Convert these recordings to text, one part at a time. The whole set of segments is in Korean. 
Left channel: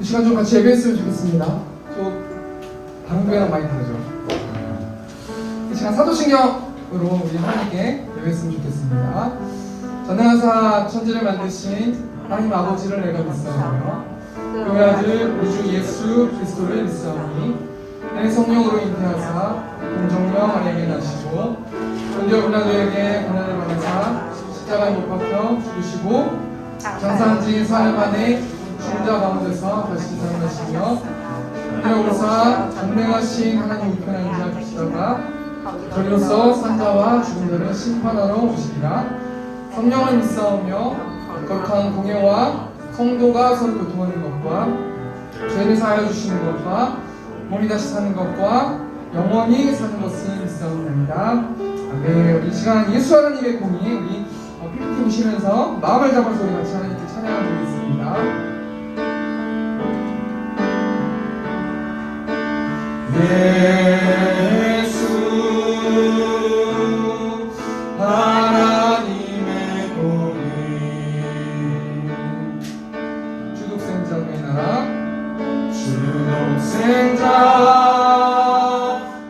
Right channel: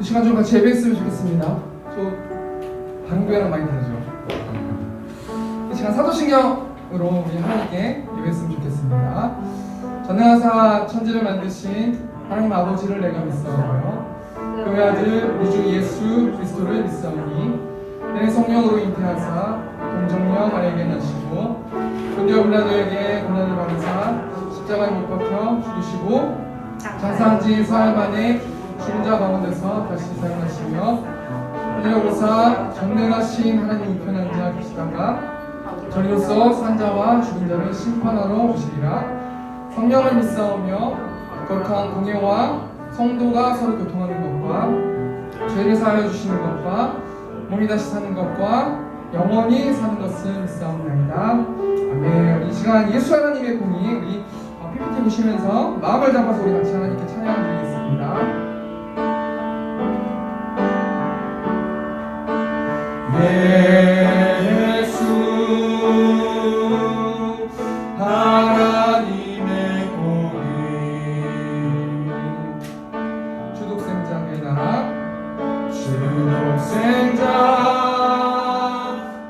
이 시간 좀 같이 예배했으면 좋겠습니다. 저 방금이랑 많이 다르죠? 이 시간 사도신경으로 우리 하나님께 예배했으면 좋겠습니다. 전능하사 천지를 만드신 하나님 아버지를 내가 믿사오며 그의 아들 우주 예수 그리스도를 믿사오니 내 성령으로 잉태하사 공정령 아래에게 나시고 본디오 빌라도에게 고난을 받으사 십자가에 못 박혀 죽으시고 장사한지 4일 만에 죽은 자 가운데서 다시 살아나시며 하늘에 오르사 전능하신 하나님 우편에 앉아 계시다가 저리로서 산 자와 죽은 자를 심판하러 오시리라. 성령을 믿사오며 거룩한 공예와 성도가 서로 교통하는 것과 죄를 사하여 주시는 것과 몸이 다시 사는 것과 영원히 사는 것을 믿사옵나이다. 아멘. 이 시간 예수 하나님의 공이 우리 PPT 보시면서 마음을 잡아서 우리 같이 하나님께 찬양을 드리겠습니다. 예수 하나님의 공인 주독생자의 나라 주독생자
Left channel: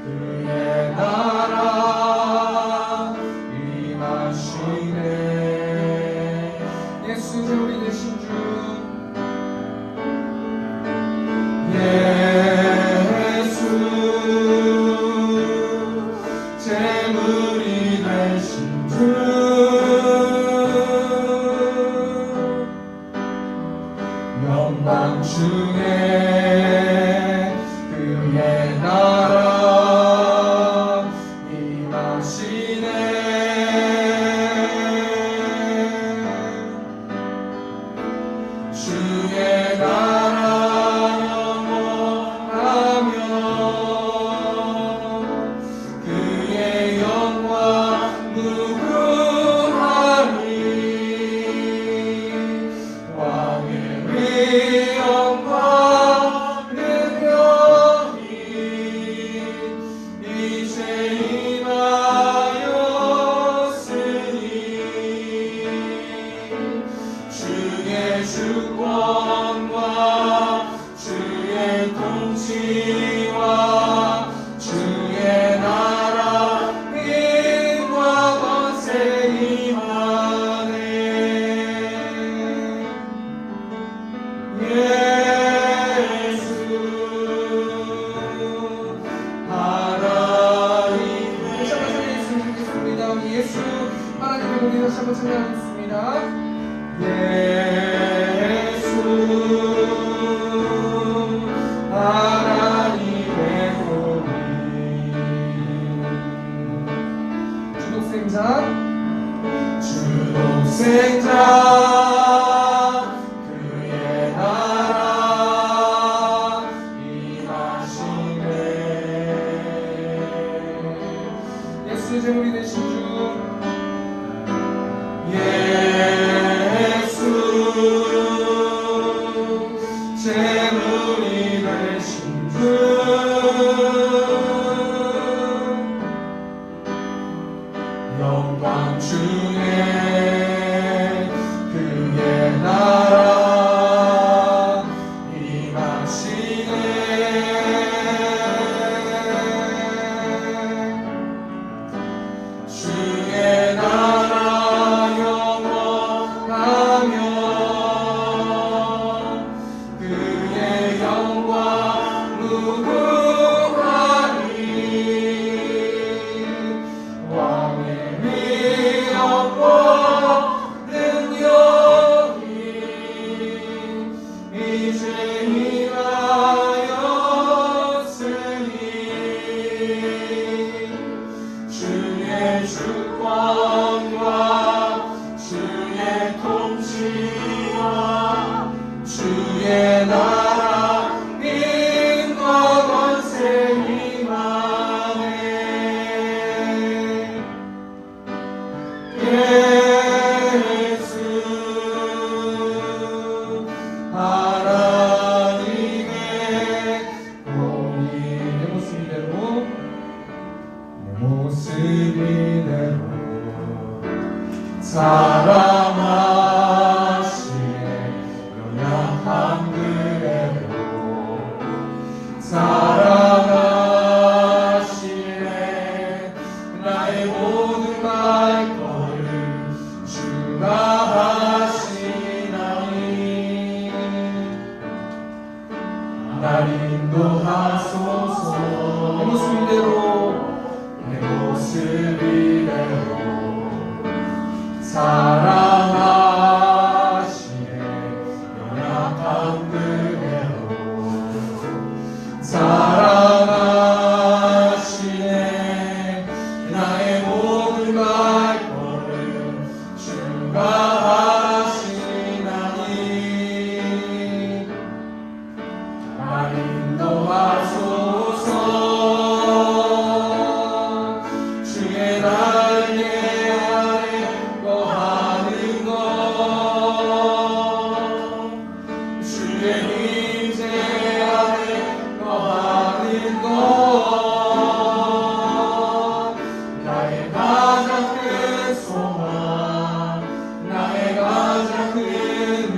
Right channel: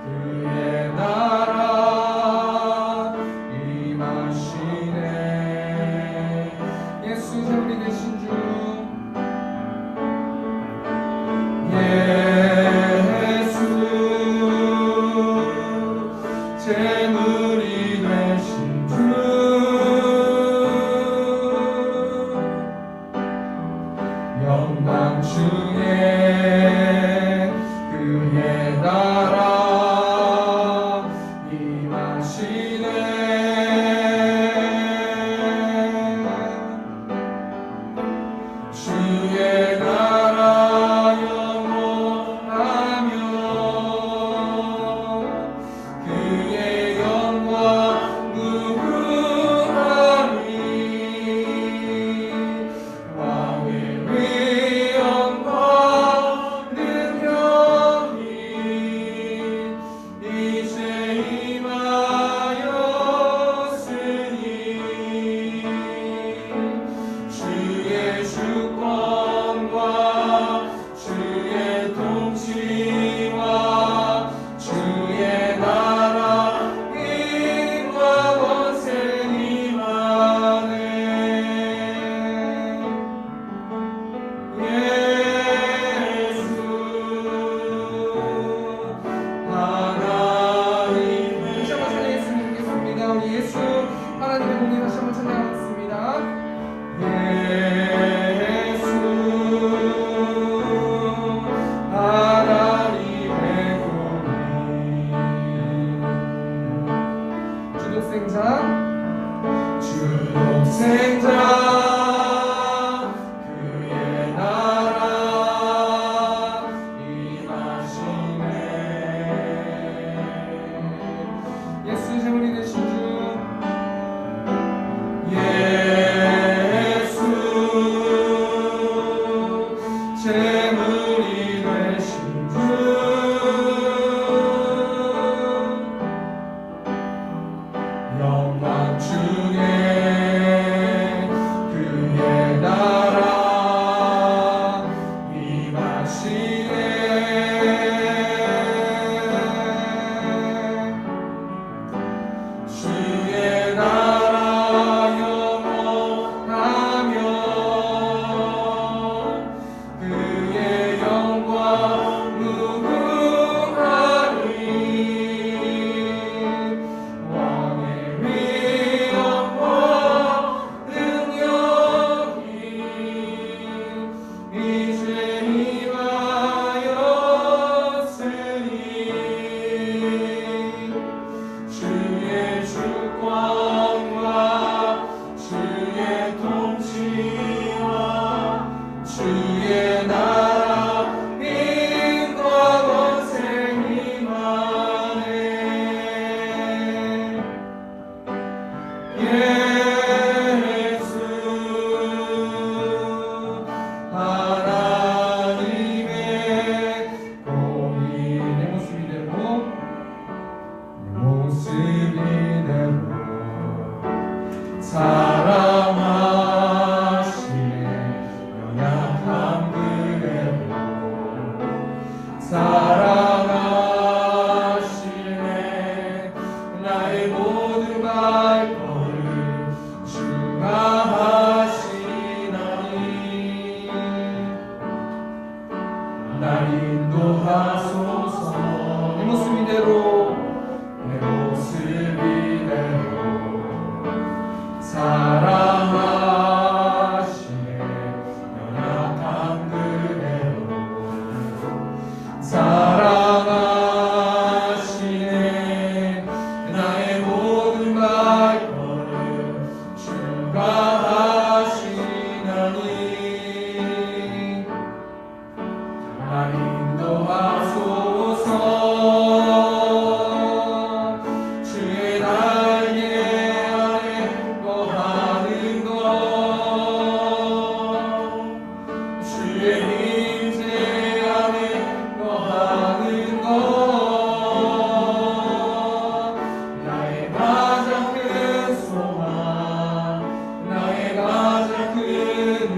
그의 나라 임하시네. 예수 우리 되신 주 재물이 되신 주 영광 중에 그의 나라 임하시네. 주의 나라 영원하며 그의 영광 무궁하니 왕의 위엄과 능력이 이제 임하였으니 주의 주권과 주의 통치와 주의 나라 힘과 권세 임하네. 예수 하나님 다시 한번 찬양했으면 좋겠습니다. 우리 예수 하나님의 공에 다시 한번 찬양하겠습니다. 예수 하나님의 공인 주독생자 그의 나라 임하시네. 예수 재물이 되신 주 예수 재물이 되신 주 영광 중에 사랑하시네 연약한 그대로 사랑하시네 나의 모든 발걸음 주가 하시나니 날 인도하소서 내 모습 이대로 내 모습 이대로 사랑하시네 연약한 그대로 사랑하시네 나의 모든 발걸음 주가 하시나니 날 인도하소서 주의 날개 아래 거하는 것 주의 임재 안에 거하는 것 나의 가장 큰 소망 나의 가장 큰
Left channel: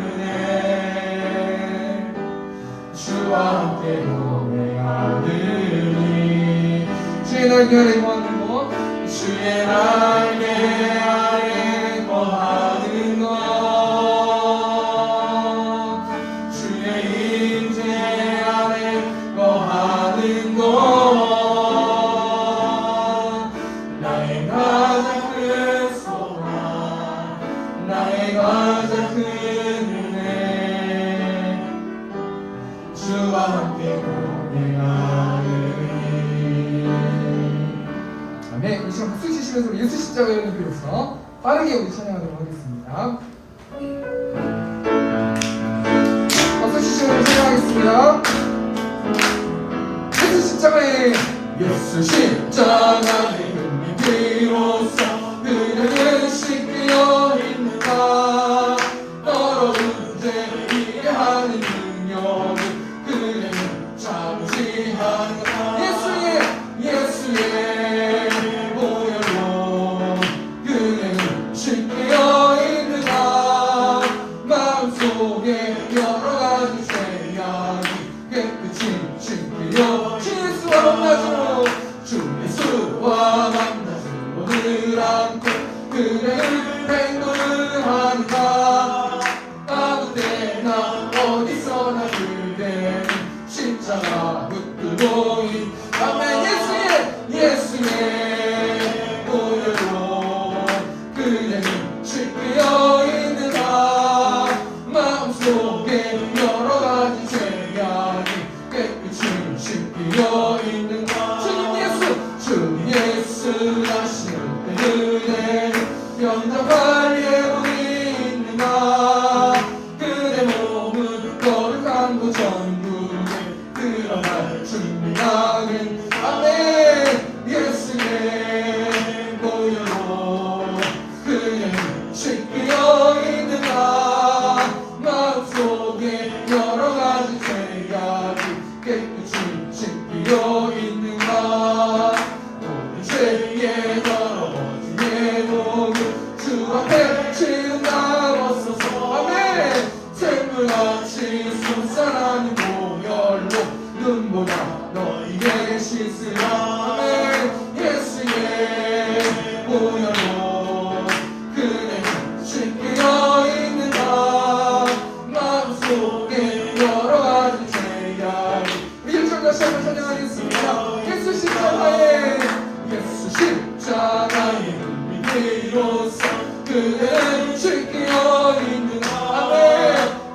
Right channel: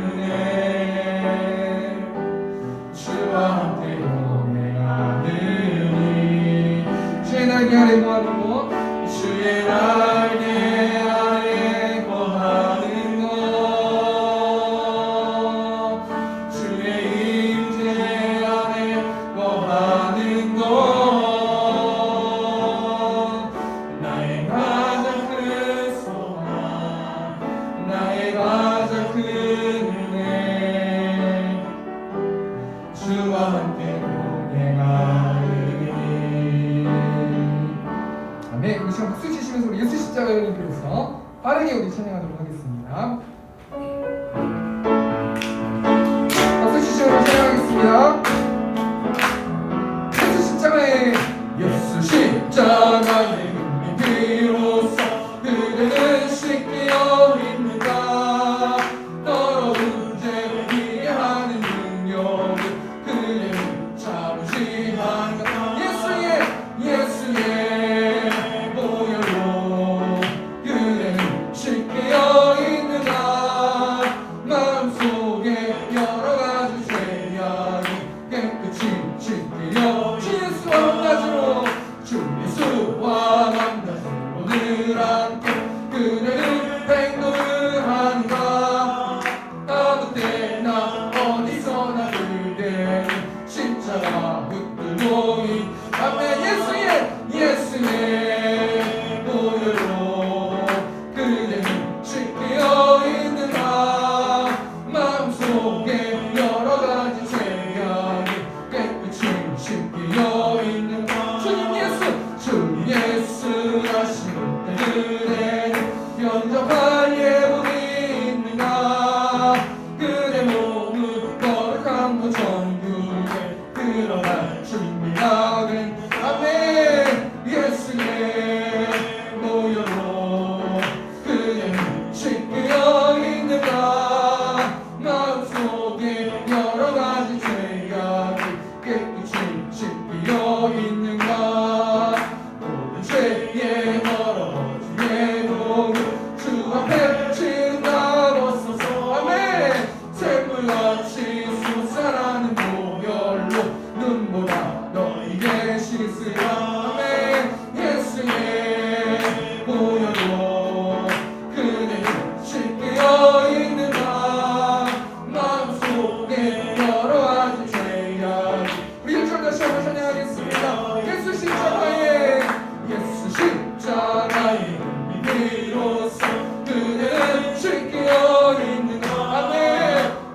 은혜 주와 함께 동행하느니 주의 날개 아래 거하는 것 주의 날개 아래 거하는 것 주의 임재 아래 거하는 것 나의 가장 큰 소망 나의 가장 큰 은혜 주와 함께 동행하느니 아멘. 우리 시간 박수 치시면서 우리 예수 십자가 열린 교회에서 빠르게 우리 찬양하도록 하겠습니다. 박수 치시면서 찬양하겠습니다. 예수 십자가의 예수 십자가의 은혜 비로소 그대는 씻기어 있는가 더러운 죄 이게 하는 능력은 그대는 잠시 한가 예수의 보혈로 그대는 씻기어 있는가 마음속에 여러 가지 죄악이 깨끗이 씻기어 주 예수와 만나주로 주 예수와 만나주로 늘 함께 그대는 행동을 한다 아무 때나 어디서나 그대는 십자가 붙들고 아멘. 예수의 보혈로 그대는 씻기어 있는가 마음속에 여러 가지 죄악이 깨끗이 씻기어 있는가 주 예수 하시는 그대는 영접할 예물이 있는가 그대 몸은 거룩한 것 정국에 그러나 준비하긴 아멘. 예수의 보혈로 그대는 씻기어 있는가 마음속에 여러 가지 죄악이 깨끗이 씻기어 있는가 모든 죄의 더러워진 예복을 주 앞에 지은다었소서 아멘. 샘물같이 솟아나는 보혈로 눈보다 너희에게 씻으라 아멘. 예수의 보혈로 그대는 씻기어 있는가 마음속에 여러 가지 죄악이 우리 일절 다시 한번 찬양하겠습니다. 예수 십자가의 은혜로서 그대는 씻기어 있는가 아멘.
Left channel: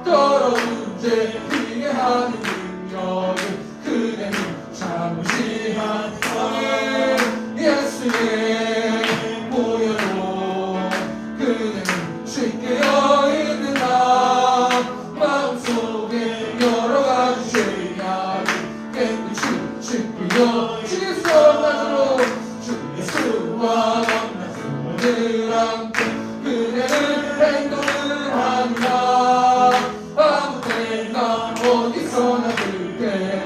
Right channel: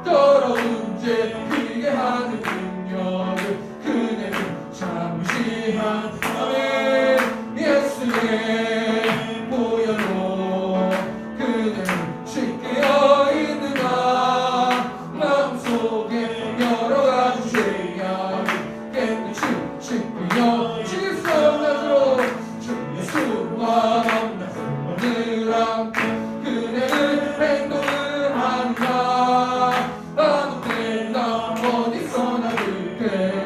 더러운 죄 피게 하는 능력을 그대는 잠시 한 아멘. 예수의 보혈로 그대는 씻기어 있는가 마음속에 여러 가지 죄악이 깨끗이 씻기어 주 예수와 만나주로 주 예수와 만나주로 늘 함께 그대는 행동을 한다 아무 때나 어디서나 그대는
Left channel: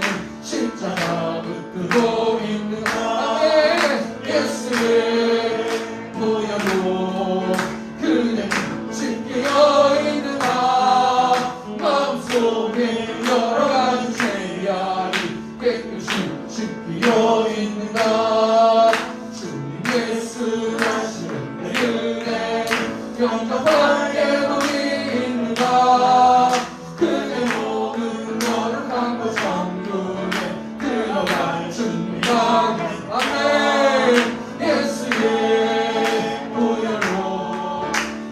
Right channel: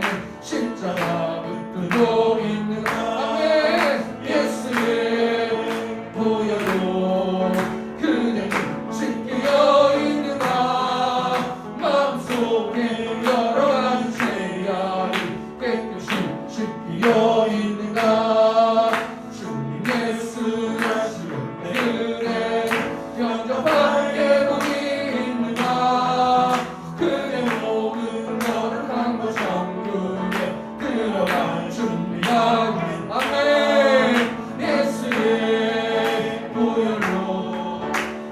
영접하게도 있는가. 그대 모든 너를 강구 정육에 들어간 준비하기. 아멘. 예수의 보혈로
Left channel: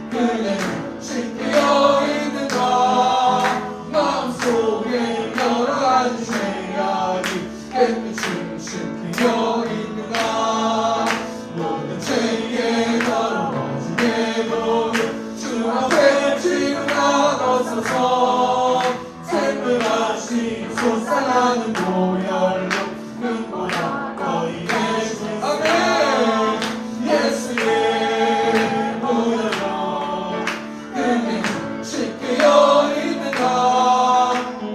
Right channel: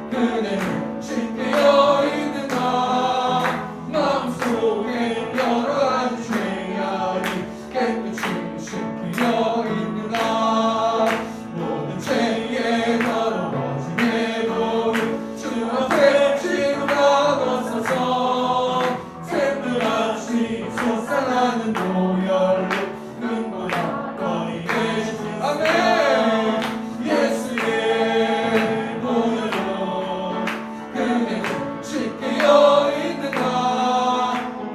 그대는 쉽게 여있는가. 마음속에 여러 가지 죄악이 깨끗이 쉽게 여있는가. 모든 죄에 더러워진 내 보혈 주 앞에 지루가 넣어서 샘물같이 솟아나는 보혈로 눈보다 너희의 주. 아멘. 예수의 보혈로 그대는 쉽게 여있는가.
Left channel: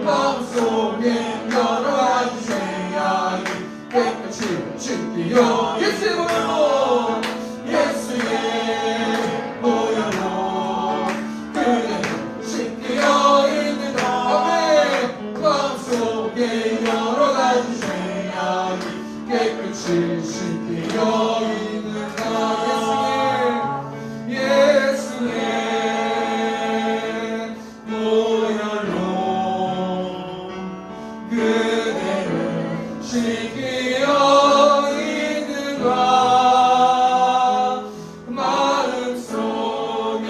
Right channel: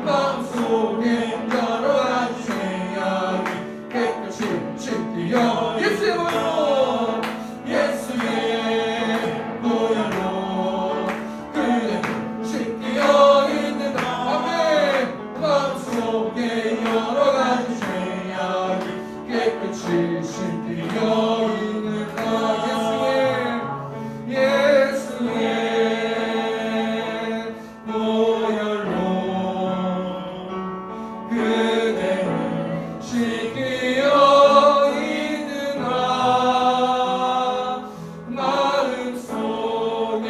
마음속에 여러 가지 죄악이 깨끗이 쉽게 여. 예수의 보혈로 예수의 보혈로 그대는 쉽게 여있는가. 아멘. 마음속에 여러 가지 죄악이 깨끗이 쉽게 여있는가. 예수의 보혈로 그대는 쉽게 여있는가. 마음속에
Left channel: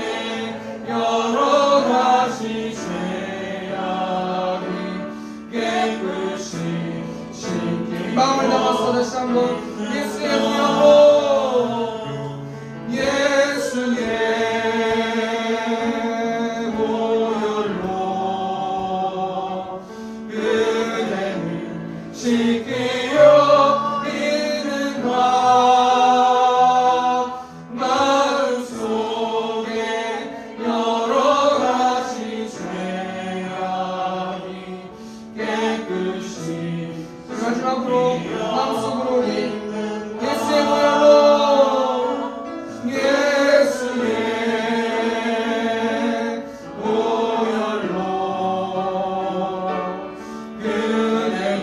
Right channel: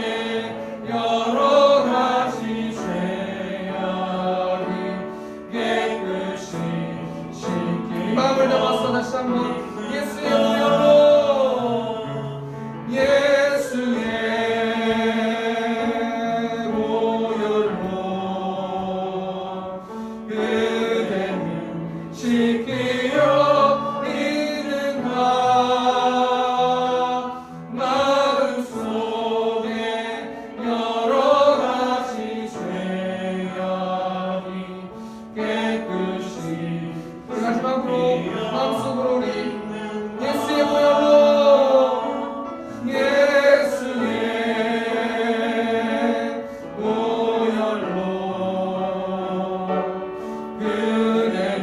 여러 가지 죄악이 깨끗이 쉽게. 마음을 담아서 다시 한번 예수의 보혈로 예수의 보혈로 그대는 쉽게 여있는가. 마음속에 여러 가지 죄악이 깨끗이. 우리 마지막으로 마음속으로 우리 예수의 보혈로 예수의 보혈로 그대는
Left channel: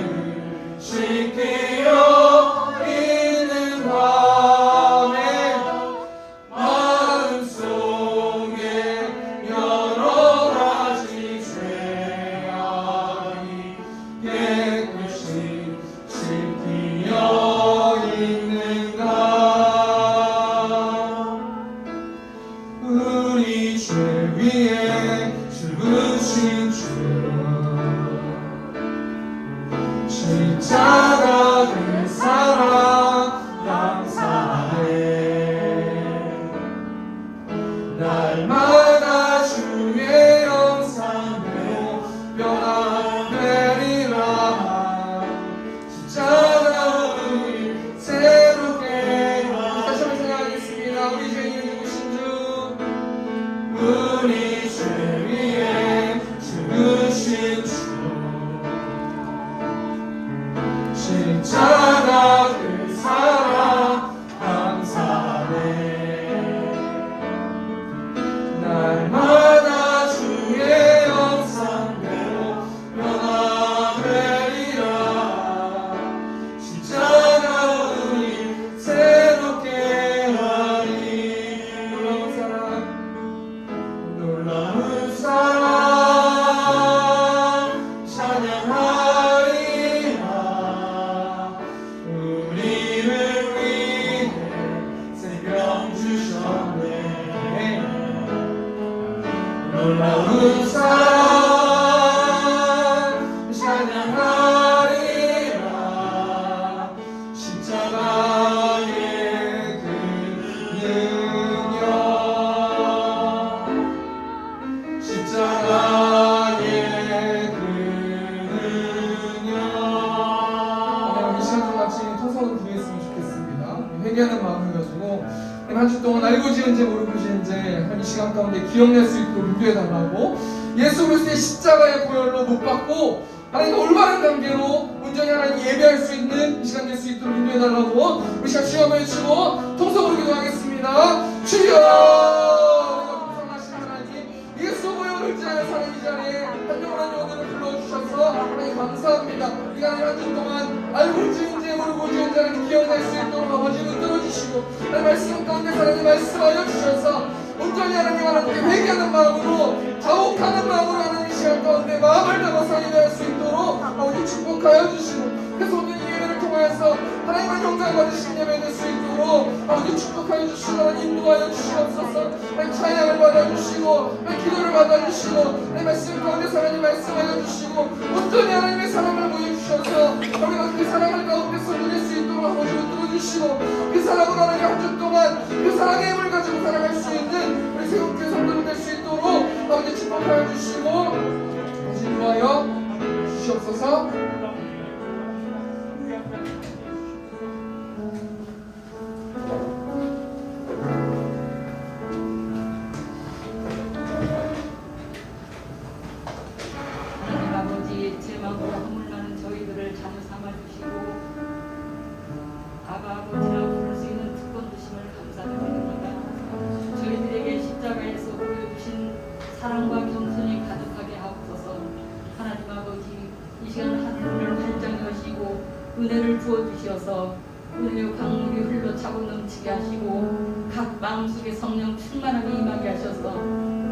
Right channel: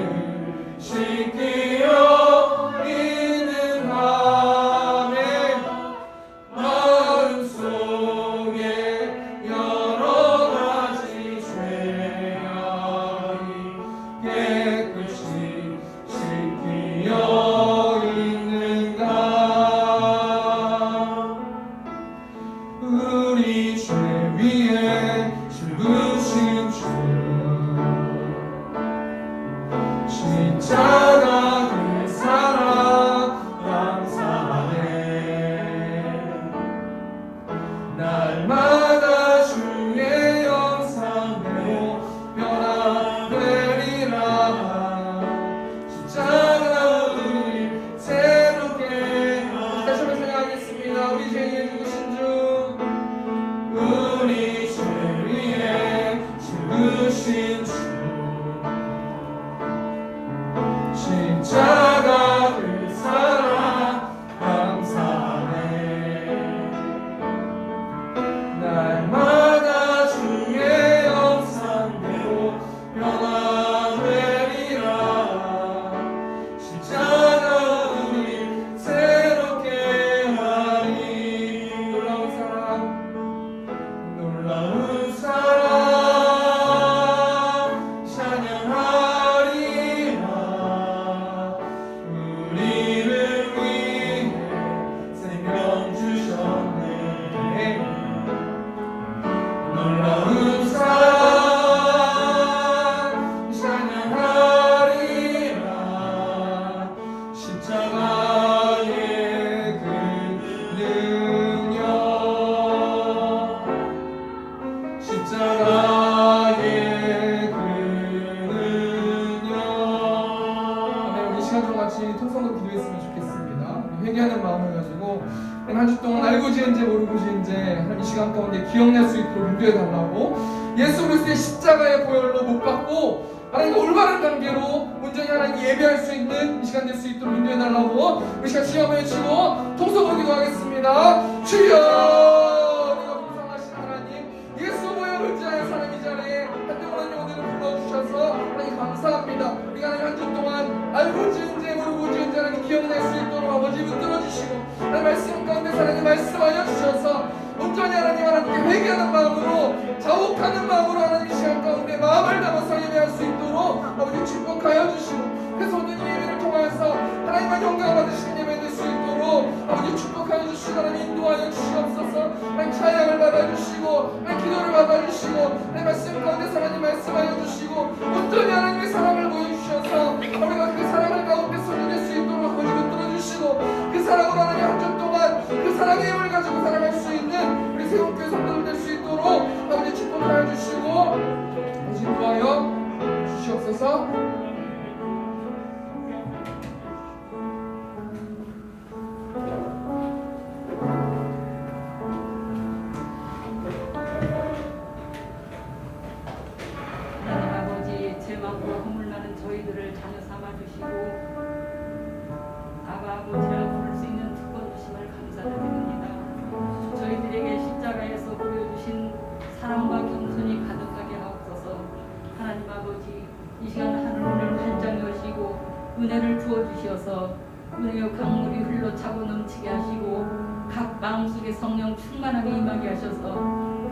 쉽게 여있는가. 마음속에 여러 가지 죄악이 깨끗이 쉽게 여있는가. 우리 죄 위에 죽으신 주 십자가 그 사랑 감사하네. 날마다 주의 영상대로 변화되리라. 십자가 우리 새롭게. 다시 한번 생각하겠습니다. 우리 죄인을 죽으신 주, 우리 죄 위에 죽으신 주 십자가 그 사랑 감사하네. 날마다 주의 영상대로 변화되리라. 십자가 우리 새롭게 하니. 놀라운 사랑, 놀라운 사랑 찬양하리라. 우리를 위해 생명 주셨네. 놀라운 사랑 찬양하리라. 십자가의 그 능력, 십자가의 그 능력. 아멘. 우리 시간 좀 같이 통성으로 기도했으면 좋겠습니다. 회개하는 마음을 가지고 한 주 동안 알고 지은지 모르고 지은지 한 이 시간 가운데 기억낼 수 있도록 인도해 달라고. 예수 그리스도의 십자가의 보혈로 못 받고 하나님과 올바른 관계로 온전히 하나님 예배할 수 있는 이 시간 될 수 있도록 인도해 달라고. 우리 시간 주여 한번 외치고 통성으로 기도하겠습니다. 주여, 내가 동성하신 하나님, 예수 보혈을 의지하는 사람 이 자리에 한 영혼 한 영혼들을 불러주셔서 하나님 감사합니다. 우리가 한 주 동안 알고 지은지 모르고 지은지 하나님 기억낼 수 있도록 아버지 붙들어주시고 하나님 말씀 가운데 하나님 말씀하여 주셔서 온전히 온전히 하나님께 회개하는 마음으로 자복하는 마음으로 하나님 이 시간 가운데 마음을 담아서 예배할 수 있도록 아버지 축복하여 주시고 그래서 오늘 이 예배를 통하여서 하나님의 영광 받으신 예배 될 수 있도록 아버지 축복하여 주시고 하나님 인도하여 주시옵소서. 하나님 찬양을 받아주시고 하나님 기도를 받아주시고 하나님 말씀 가운데서 하나님 말씀하여 주시고 온전히 하나님의 사랑을 보여주셔서 우리가 그 사랑을 가운데서 누릴 수 있도록 아버지 붙들어주시고 그 사랑으로 하나님 한 주 동안 그 사랑의 힘을 가지고 살아갈 수 있는 우리 새롭게 성도를 될 수 있도록 아버지 축복하여 주시고 아버지 인도하여 주시옵소서. 하나님 아버지 죄 많고 허물 많은 저희들을 자녀 삼아 주시고 아버지라 부를 수 있는 특권 주심을 감사드립니다. 저희들에게 십자가에서 보여주신 사랑과 겸손이 가득하게 하옵소서. 하나님 아버지 이 시간 하늘을 활짝 여시고 은혜를 부어주셔서 은혜의 강물이 흘러차고 넘치게 하시고 각 마음속에 성령 충만하게 임하게 하셔서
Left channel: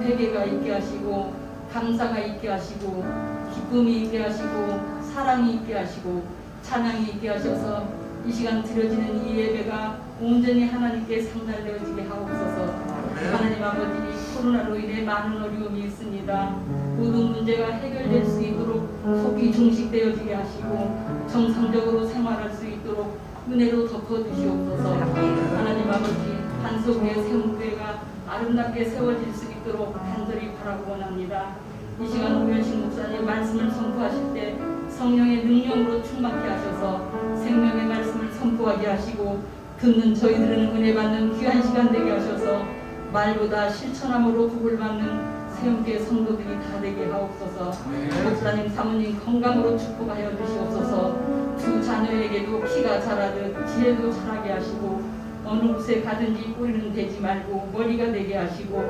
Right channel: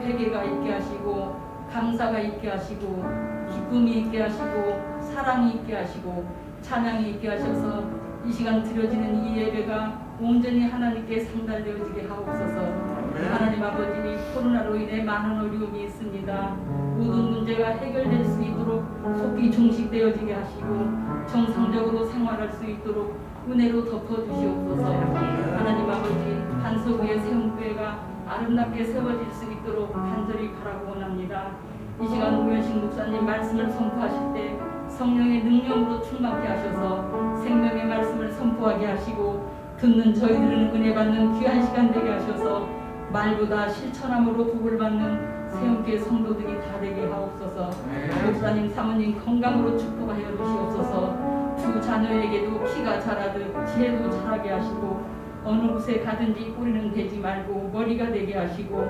회개가 있게 하시고 감사가 있게 하시고 기쁨이 있게 하시고 사랑이 있게 하시고 찬양이 있게 하셔서 이 시간 드려지는 이 예배가 온전히 하나님께 상달되어지게 하옵소서. 하나님 아버지 코로나로 인해 많은 어려움이 있습니다. 모든 문제가 해결될 수 있도록 속히 중식되어지게 하시고 정상적으로 생활할 수 있도록 은혜로 덮어주시옵소서. 하나님 아버지 한소구의 세움교회가 아름답게 세워질 수 있도록 간절히 바라고 원합니다. 이 시간 오현식 목사님 말씀을 선포하실 때 성령의 능력으로 충만케 하셔서 생명의 말씀을 선포하게 하시고 듣는 저희들은 은혜 받는 귀한 시간 되게 하셔서 말보다 실천함으로 복을 받는 세움교회 성도들이 다 되게 하옵소서. 목사님 사모님 건강으로 축복하여 주시옵소서. 두 자녀에게도 키가 자라듯 지혜도 자라게 하시고 어느 곳에 가든지 꼬리는 되지 말고 머리가 되게 하시고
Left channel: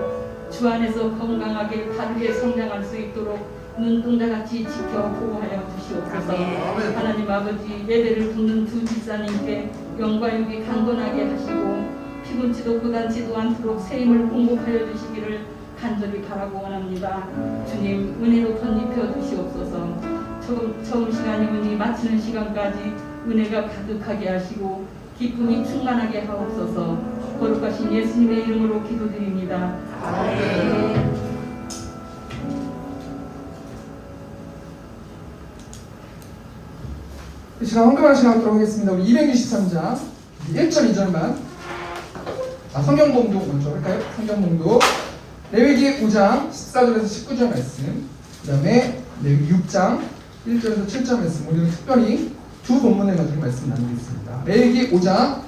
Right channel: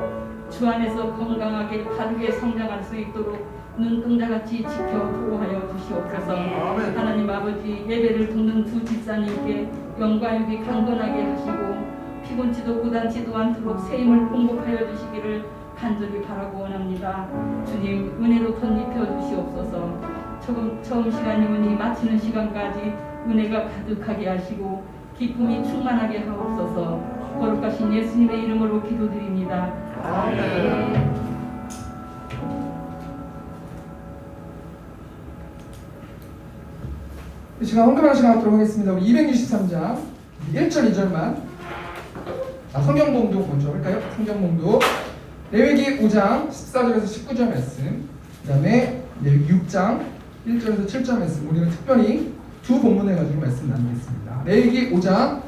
주 안에서 건강하게 바르게 성장할 수 있도록 눈동자같이 지켜 보호하여 주시옵소서. 하나님 아버지 예배를 돕는 두 집사님께 영광이 강건하게 하시고 피곤치도 고단치도 않도록 새 힘을 공급하여 주시기를 간절히 바라고 원합니다. 주님 은혜로 덧입혀 주시옵소서. 처음 시간이 오니 마치는 시간까지 은혜가 가득하게 하시고 기쁨이 충만하게 하옵소서. 거룩하신 예수님의 이름으로 기도드립니다. 아멘. 이 시간 헌금하는 시간 갖도록 하겠습니다. 우리 263장 1절 2절만 성경 봉독 먼저 할까요? 성경 봉독 레위기 5장 14절에서 19절 말씀, 그 다음에 레위기 6장 1절에서 7절 말씀. 오늘은 특별히 두 본문을 가지고 말씀 나누겠습니다. 레위기 5장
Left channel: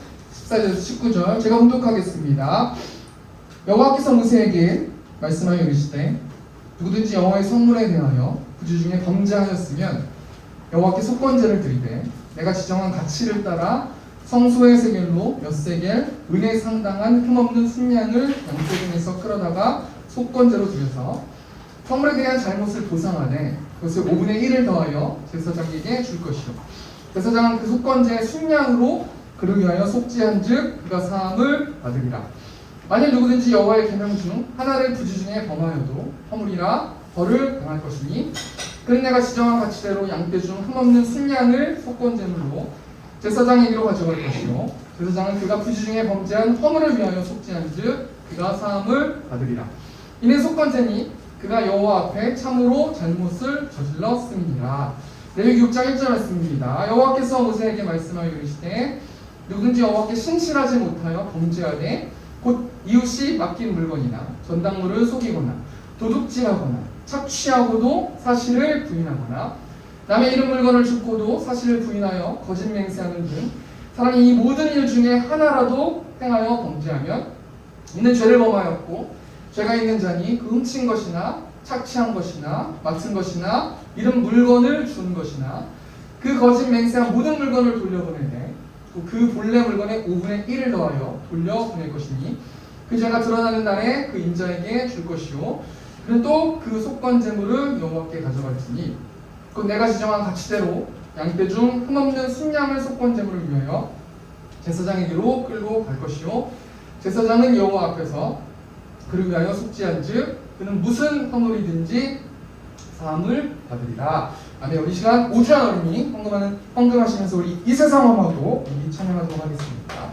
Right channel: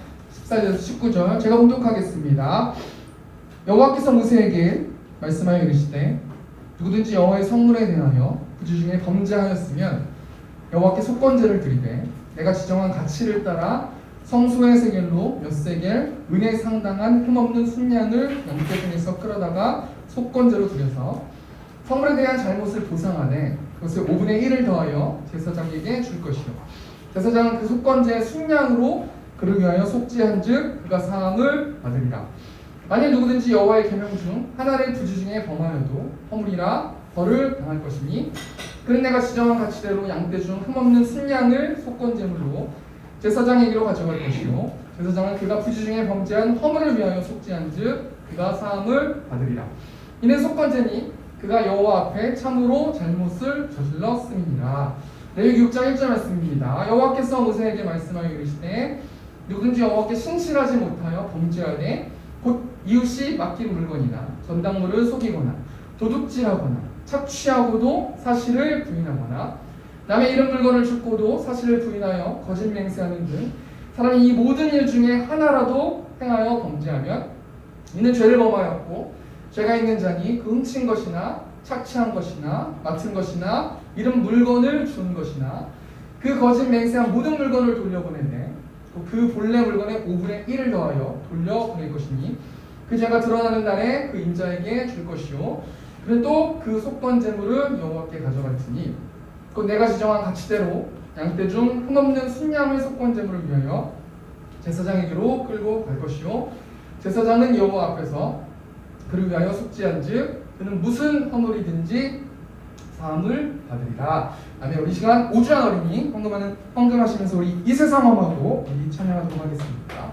14절에서 19절 제가 봉독하겠습니다. 여호와께서 모세에게 말씀하여 이르시되 누구든지 여호와의 성물에 대하여 부주 중에 범죄하였으면 여호와께 속건제를 드리되 내가 지정한 가치를 따라 성소의 세겔로 몇 세겔 은에 상당한 흠없는 순양을 양떼 중에서 끌어다가 속건제로 드려서 성물에 대한 잘못을 보상하되 그것을 5분의 1을 더하여 제사장에게 줄 것이요 제사장은 그 속건제의 순양으로 그를 위하여 속죄한즉 그가 사함을 받으리라. 만일 누구든지 여호와의 계명 중 하나를 부주 중에 범하여도 허물이라 벌을 당할 것이니 그는 내가 지정한 가치대로 양떼 중 흠없는 순양을 속건제물로 제사장에게로 가져갈 것이요 제사장은 그가 부주 중에 범죄한 허물을 위하여 속죄한즉 그가 사함을 받으리라. 이는 속건제니 그가 여호와 앞에 참으로 잘못을 저질렀음이니라. 레위기 6장 1절 말씀입니다. 여호와께서 모세에게 말씀하여 이르시되 누구든지 여호와께 신실하지 못하여 범죄하되 곧 이웃이 맡긴 물건이나 전당물을 속이거나 도둑질하거나 착취하고도 사실을 부인하거나 남의 이름 물건을 줍고도 사실을 부인하여 거짓 맹세하는 등 사람이 이 모든 일 중에 하나라도 행하여 범죄하면 이는 죄를 범하였고 죄가 있는 자니 그 훔친 것이나 착취한 것이나 맡은 것이나 이름 물건을 준 것이나 그 거짓 맹세한 모든 물건을 돌려보내되 그 본래 물건의 5분의 1을 더하여 돌려보낼 것이니 그 죄가 드러나는 날에 그 임자에게 줄 것이요 그는 또 그 속건 제물을 여호와께 가져갈지니 곧 내가 지정한 가치대로 양떼 중 흠없는 순양을 속건 제물을 위하여 제사장에게로 끌고 갈 것이요 제사장은 여호와 앞에서 그를 위하여 속죄한즉 그는 무슨 헌물이든지 사함을 받으리라. 아멘. 우리 시간 오주환 어린이 헌금하시면서 우리 이 세상 엄하고 우리 찬양하도록 하겠습니다.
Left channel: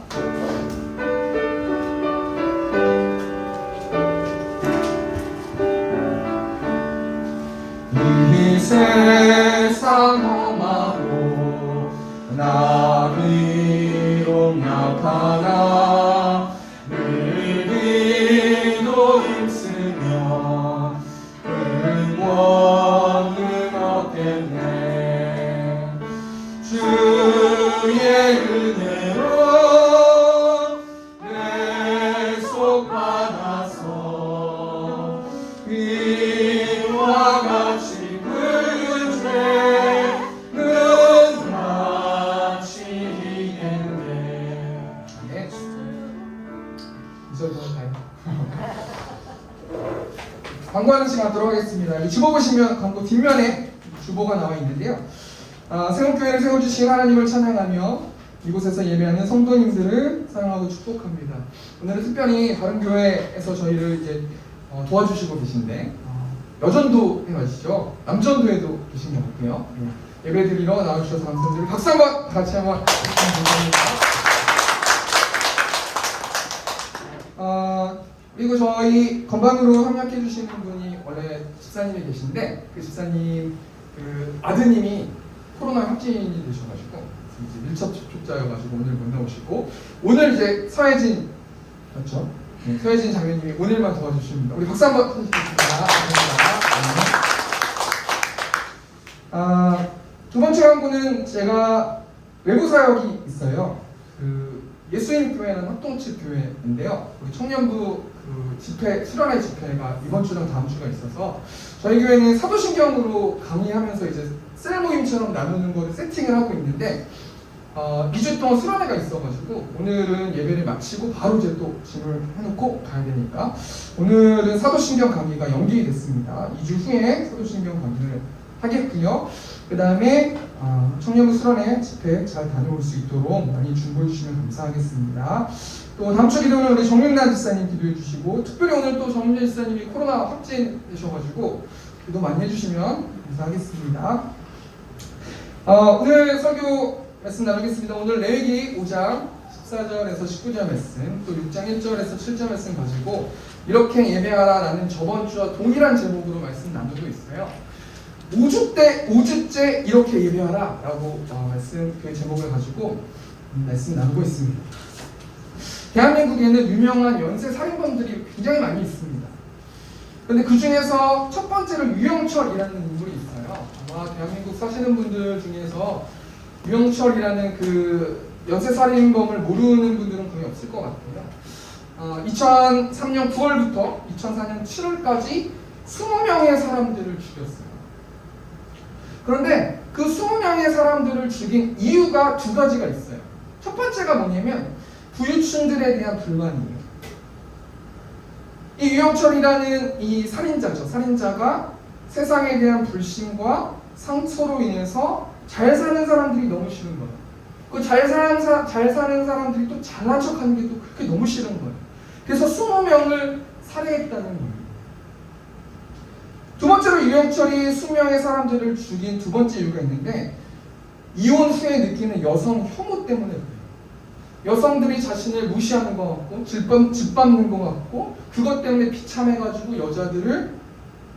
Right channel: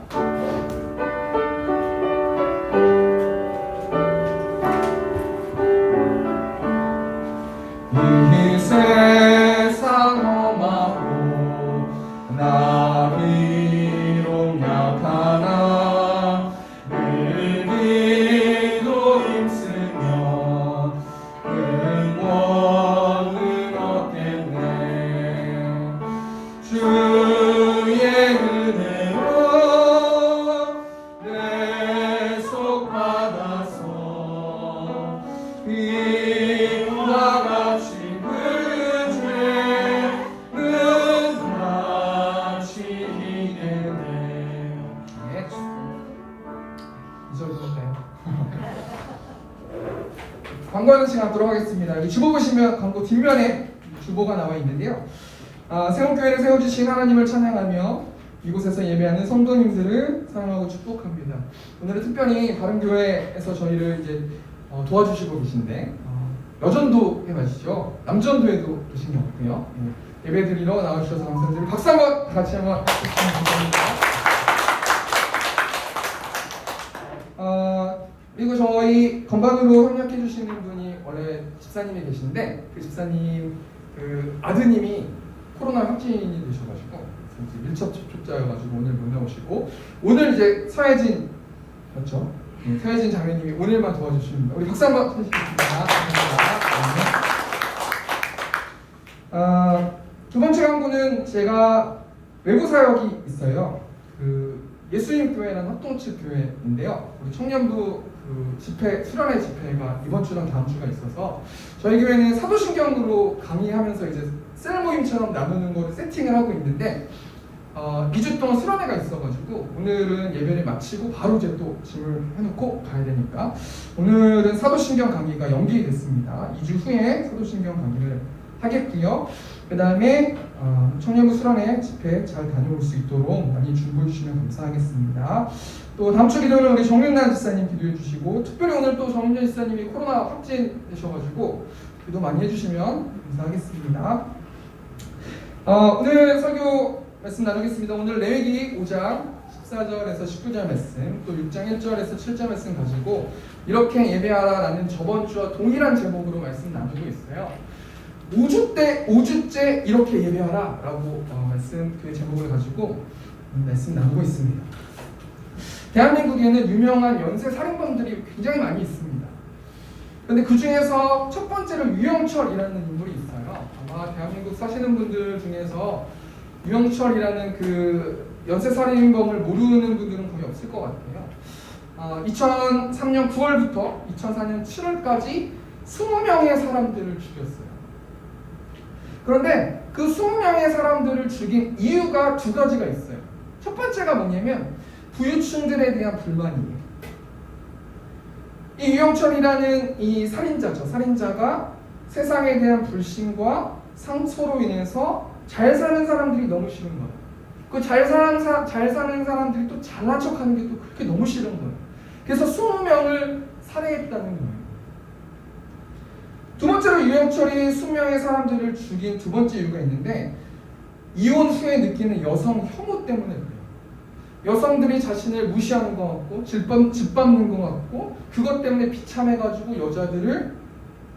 이 세상 험하고 나 비록 약하나 늘 기도 힘쓰며 근원을 얻겠네. 주의 은혜로 내 속 받아서 이와 같이 그 죄는 다치겠네. 네, 이절 더 할까요? 광고하는 시간 하도록 하겠습니다. 주보 보시면 광고 뒷면에 주보가 나와 있는데요. 세움교회를 세워주신 하나님을 찬양하며 이곳에서 예배하는 성도님들을 사랑하고 축복합니다. 오늘은 특별히 다른 교회에서 저희를 이제 도와주시고 계신데 여전도 해가시죠. 남전도에도 계신 것 같고요. 예배 드리러 나와주셔서 감사드리고 박수 한번 같이 한번 부탁드립니다. 그리고 저희 건반으로 협력해 주시는 분이 원래 집사님이 계신데 그 집사님 그 아드님이 코로나 확진이 되셔가지고 이제 밀접 접촉자여가지고 오늘 못 나오시고 오늘 이제 서혜진 그렇죠? 네, 서혜진 장로님이 오늘만 도와주십니다. 우리 박수 한번 쳐주시겠습니다. 감사합니다. 두 번째 광고는 제가 외부 사역이 있어요. 그 예수님 교회라는 합동측 교회인데요. 우리 청년부 그 집회 수련회 집회가 이번 주랑 다음 주가 있어서 저희 교회는 사도신경으로 강의하면서 이제 셀 모임처럼 나누는 거를 세팅을 하고 있는데 2주 동안 수련회가 있어가지고 오늘은 예배를 마치고 바로 이제 또 짐을 해놓고 가야 되니까 오늘은 사도신경 강의가 연기됐습니다. 2주 후에 사도신경 강의를 하겠고요. 그 다음에 청년부 수련회 집회 잘 다녀올 수 있도록 많이 중보해 주시면 감사하겠습니다. 또 다음 주 기도는 우리 정윤란 집사님 기도해 주시고 특별히 오늘 또 정윤란 집사님이 코로나 확진되셔가지고 기도 많이 해주시면 감사하겠습니다. 오늘 설교 말씀 나누겠습니다. 오늘 레위기 5장 14절에서 19절 말씀 또 6장 1절에서 7절 말씀 가지고 이렇게 예배하라라는 저번 주와 동일한 제목으로 말씀 나누고 있어요. 5주째 이렇게 예배하라 라고 말씀 그 제목을 가지고 말씀 나누고 있습니다. 대한민국에는 유명한 연쇄 살인범들이 굉장히 많이 있습니다. 그런데 그 중에서 첫 번째로 유영철이라는 인물이 있어요. 아마 대한민국 사시는 분들 중에서 유영철이라는 그 연쇄 살인범을 모르는 분들은 거의 없을 것 같아요. 2003년 9월부터 2004년 7월까지 20명의 사람들을 죽였어요. 그런데 그 20명의 사람들을 죽인 이유가 두 가지가 있어요. 첫 번째가 뭐냐면 부유층들에 대한 불만이에요. 이 유영철이라는 이 살인자죠. 살인자가 세상에 대한 불신과 상처로 인해서 잘 사는 사람들이 너무 싫은 거예요. 그 잘 사는 사람들이 또 잘난 척하는 게 또 그렇게 너무 싫은 거예요. 그래서 20명을 살해했다는 거예요. 두 번째로 유영철이 20명의 사람들을 죽인 두 번째 이유가 있는데 이혼 후에 느끼는 여성 혐오 때문에 그래요. 여성들이 자신을 무시하는 것 같고 짓밟는 것 같고 그것 때문에 비참해가지고 여자들을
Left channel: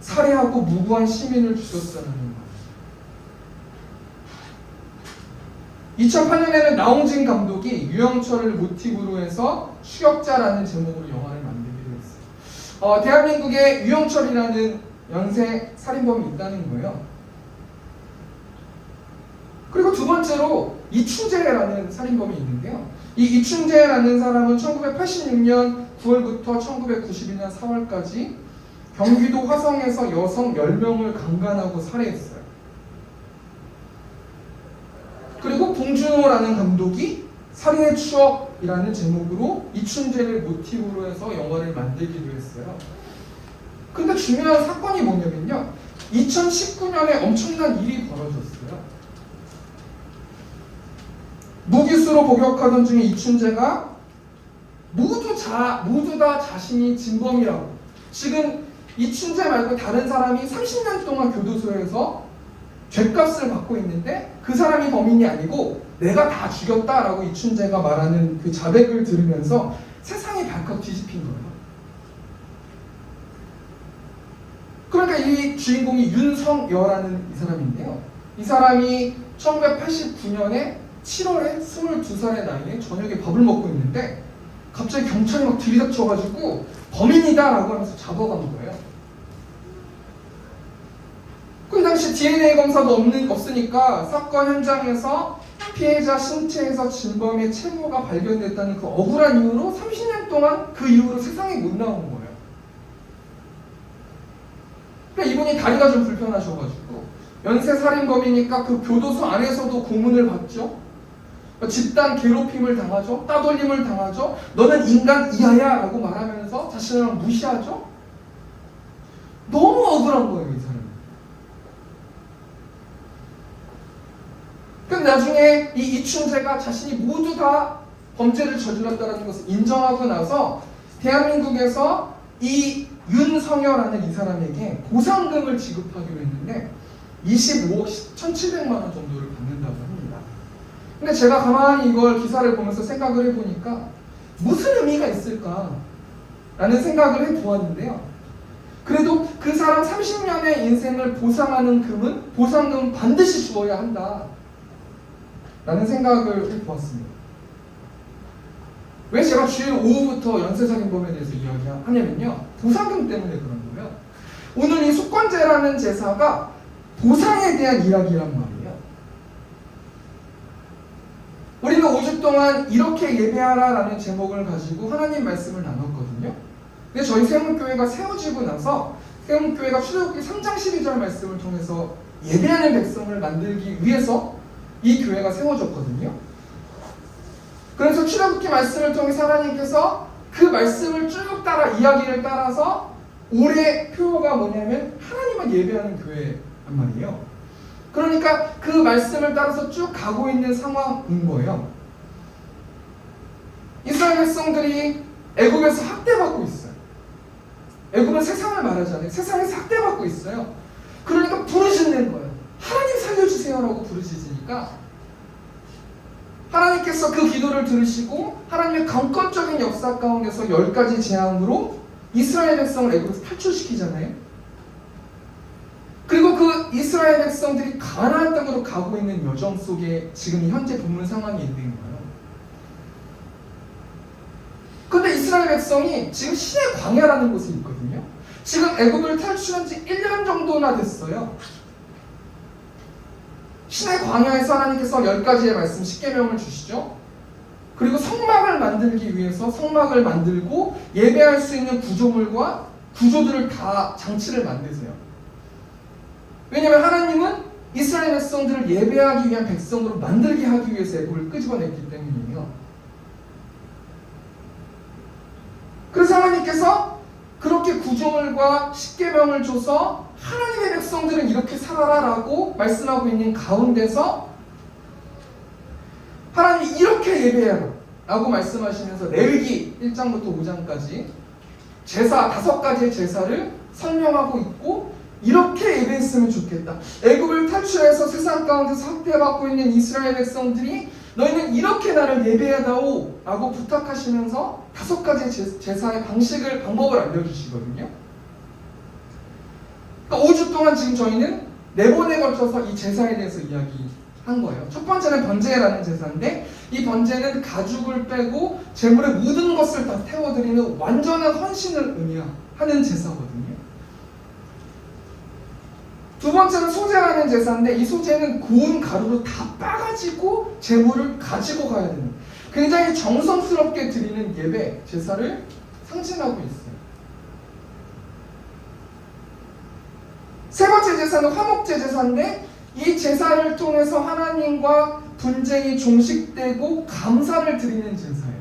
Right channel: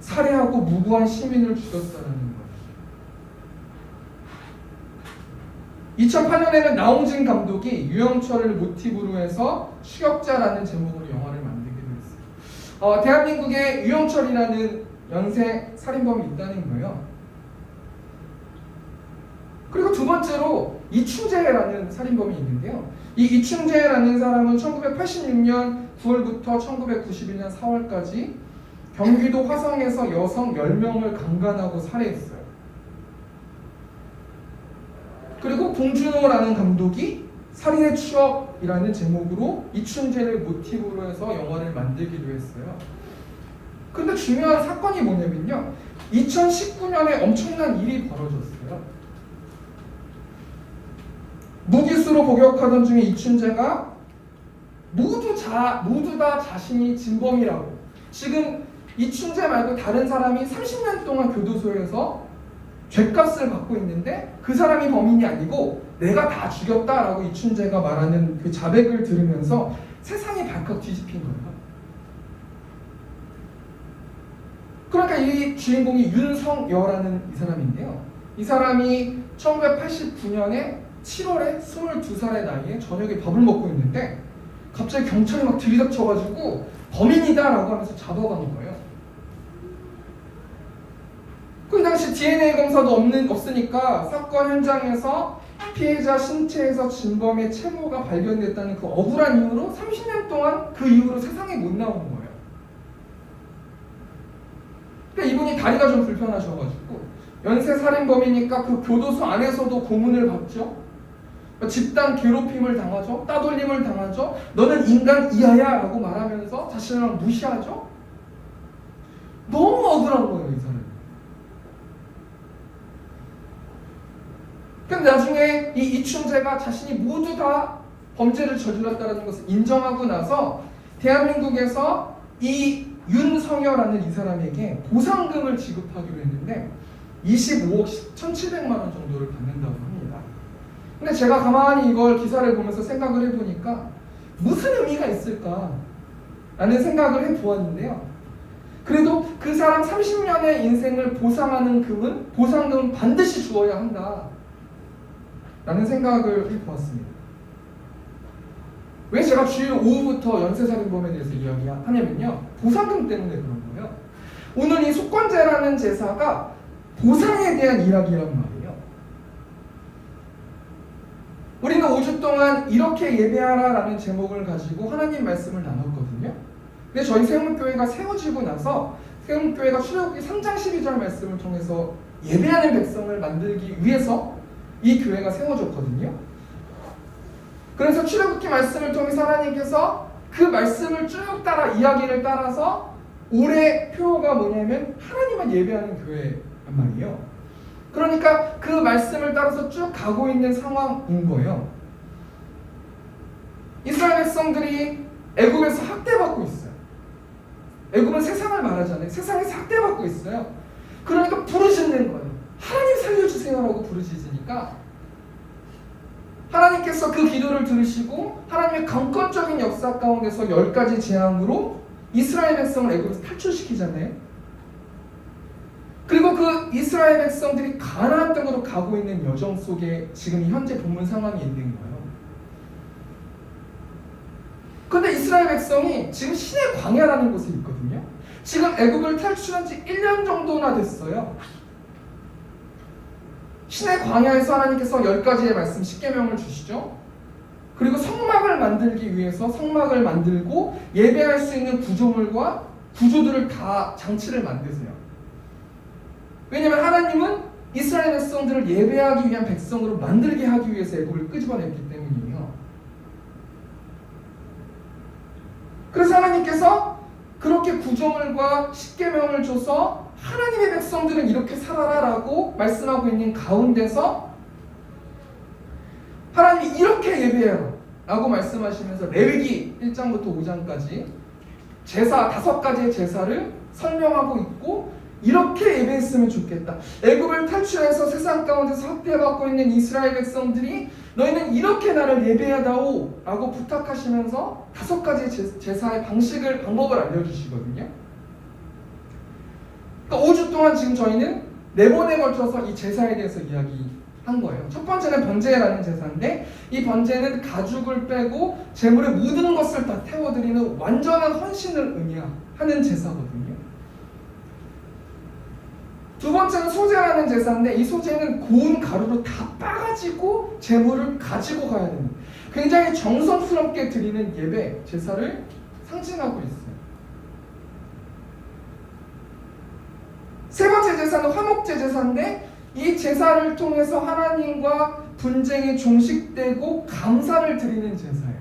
살해하고 무고한 시민을 죽였다는 거예요. 2008년에는 나홍진 감독이 유영철을 모티브로 해서 추격자라는 제목으로 영화를 만들기도 했어요. 대한민국에 유영철이라는 연쇄 살인범이 있다는 거예요. 그리고 두 번째로 이춘재라는 살인범이 있는데요. 이 이춘재라는 사람은 1986년 9월부터 1991년 4월까지 경기도 화성에서 여성 10명을 강간하고 살해했어요. 그리고 봉준호라는 감독이 살인의 추억이라는 제목으로 이춘재를 모티브로 해서 영화를 만들기도 했어요. 근데 중요한 사건이 뭐냐면요. 2019년에 엄청난 일이 벌어졌어요. 무기수로 복역하던 중에 이춘재가 모두 다 자신이 진범이라고, 지금 이춘재 말고 다른 사람이 30년 동안 교도소에서 죗값을 받고 있는데 그 사람이 범인이 아니고 내가 다 죽였다라고 이춘재가 말하는 그 자백을 들으면서 세상이 발칵 뒤집힌 거예요. 그러니까 이 주인공이 윤성여라는 이 사람인데요. 이 사람이 1989년에 7월에 22살의 나이에 저녁에 밥을 먹고 있는데 갑자기 경찰이 막 들이닥쳐가지고 범인이다라고 하면서 잡아간 거예요. 그 당시 DNA 검사도 없으니까 사건 현장에서 피해자 신체에서 진범의 체모가 발견됐다는 그 억울한 이유로 30년 동안 그 이후로 세상에 못 나온 거예요. 그러니까 이분이 다리가 좀 불편하셔가지고 연쇄살인범이니까 그 교도소 안에서도 고문을 받죠. 집단 괴롭힘을 당하죠. 따돌림을 당하죠. 너는 인간 이하야 라고 말하면서 자신을 무시하죠. 너무 억울한 거예요, 이 사람이. 그럼 나중에 이 이춘재가 자신이 모두 다 범죄를 저질렀다는 것을 인정하고 나서 대한민국에서 이 윤성여라는 이 사람에게 보상금을 지급하기로 했는데 25억 1,700만 원 정도를 받는다고 합니다. 근데 제가 가만히 이걸 기사를 보면서 생각을 해보니까 무슨 의미가 있을까 라는 생각을 해보았는데요. 그래도 그 사람 30년의 인생을 보상하는 보상금은 반드시 주어야 한다 라는 생각을 해보았습니다. 왜 제가 주일 오후부터 연쇄살인범에 대해서 이야기하냐면요, 보상금 때문에 그런 거예요. 오늘 이 속건제라는 제사가 보상에 대한 이야기란 말이에요. 우리는 5주 동안 이렇게 예배하라라는 제목을 가지고 하나님 말씀을 나눴거든요. 근데 저희 세움교회가 세워지고 나서 세움교회가 출애굽기 3장 12절 말씀을 통해서 예배하는 백성을 만들기 위해서 이 교회가 세워졌거든요. 그래서 출애굽기 말씀을 통해서 하나님께서 그 말씀을 쭉 따라 이야기를 따라서 올해 표어가 뭐냐면 하나님만 예배하는 교회란 말이에요. 그러니까 그 말씀을 따라서 쭉 가고 있는 상황인 거예요. 이스라엘 백성들이 애굽에서 학대받고 있어요. 애굽은 세상을 말하잖아요. 세상에서 학대받고 있어요. 그러니까 부르짖는 거예요. 하나님 살려주세요라고 부르짖으니까 하나님께서 그 기도를 들으시고 하나님의 강권적인 역사 가운데서 10가지 재앙으로 이스라엘 백성을 애굽에서 탈출시키잖아요. 그리고 그 이스라엘 백성들이 가나안 땅으로 가고 있는 여정 속에 지금 현재 본문 상황이 있는 거예요. 그런데 이스라엘 백성이 지금 신의 광야라는 곳에 있거든요. 지금 애굽을 탈출한 지 1년 정도나 됐어요. 신의 광야에서 하나님께서 10가지의 말씀 10계명을 주시죠. 그리고 성막을 만들기 위해서 성막을 만들고 예배할 수 있는 구조물과 구조들을 다 장치를 만드세요. 왜냐하면 하나님은 이스라엘 백성들을 예배하기 위한 백성으로 만들게 하기 위해서 애굽을 끄집어냈기 때문이에요. 그래서 하나님께서 그렇게 구조물과 10계명을 줘서 하나님의 백성들은 이렇게 살아라라고 말씀하고 있는 가운데서 하나님이 이렇게 예배해라 라고 말씀하시면서 레위기 1장부터 5장까지 제사 5가지의 제사를 설명하고 있고 이렇게 예배했으면 좋겠다. 애굽을 탈출해서 세상 가운데서 학대받고 있는 이스라엘 백성들이 너희는 이렇게 나를 예배하다오 라고 부탁하시면서 5가지 제사의 방법을 알려주시거든요. 그러니까 5주 동안 지금 저희는 4번에 걸쳐서 이 제사에 대해서 이야기한 거예요. 첫 번째는 번제라는 제사인데 이 번제는 가죽을 빼고 제물의 모든 것을 다 태워드리는 완전한 헌신을 의미하는 제사거든요. 두 번째는 소제라는 제사인데 이 소제는 고운 가루로 다 빠가지고 제물을 가지고 가야 됩니다. 굉장히 정성스럽게 드리는 예배, 제사를 상징하고 있어요. 세 번째 제사는 화목제 제사인데 이 제사를 통해서 하나님과 분쟁이 종식되고 감사를 드리는 제사예요.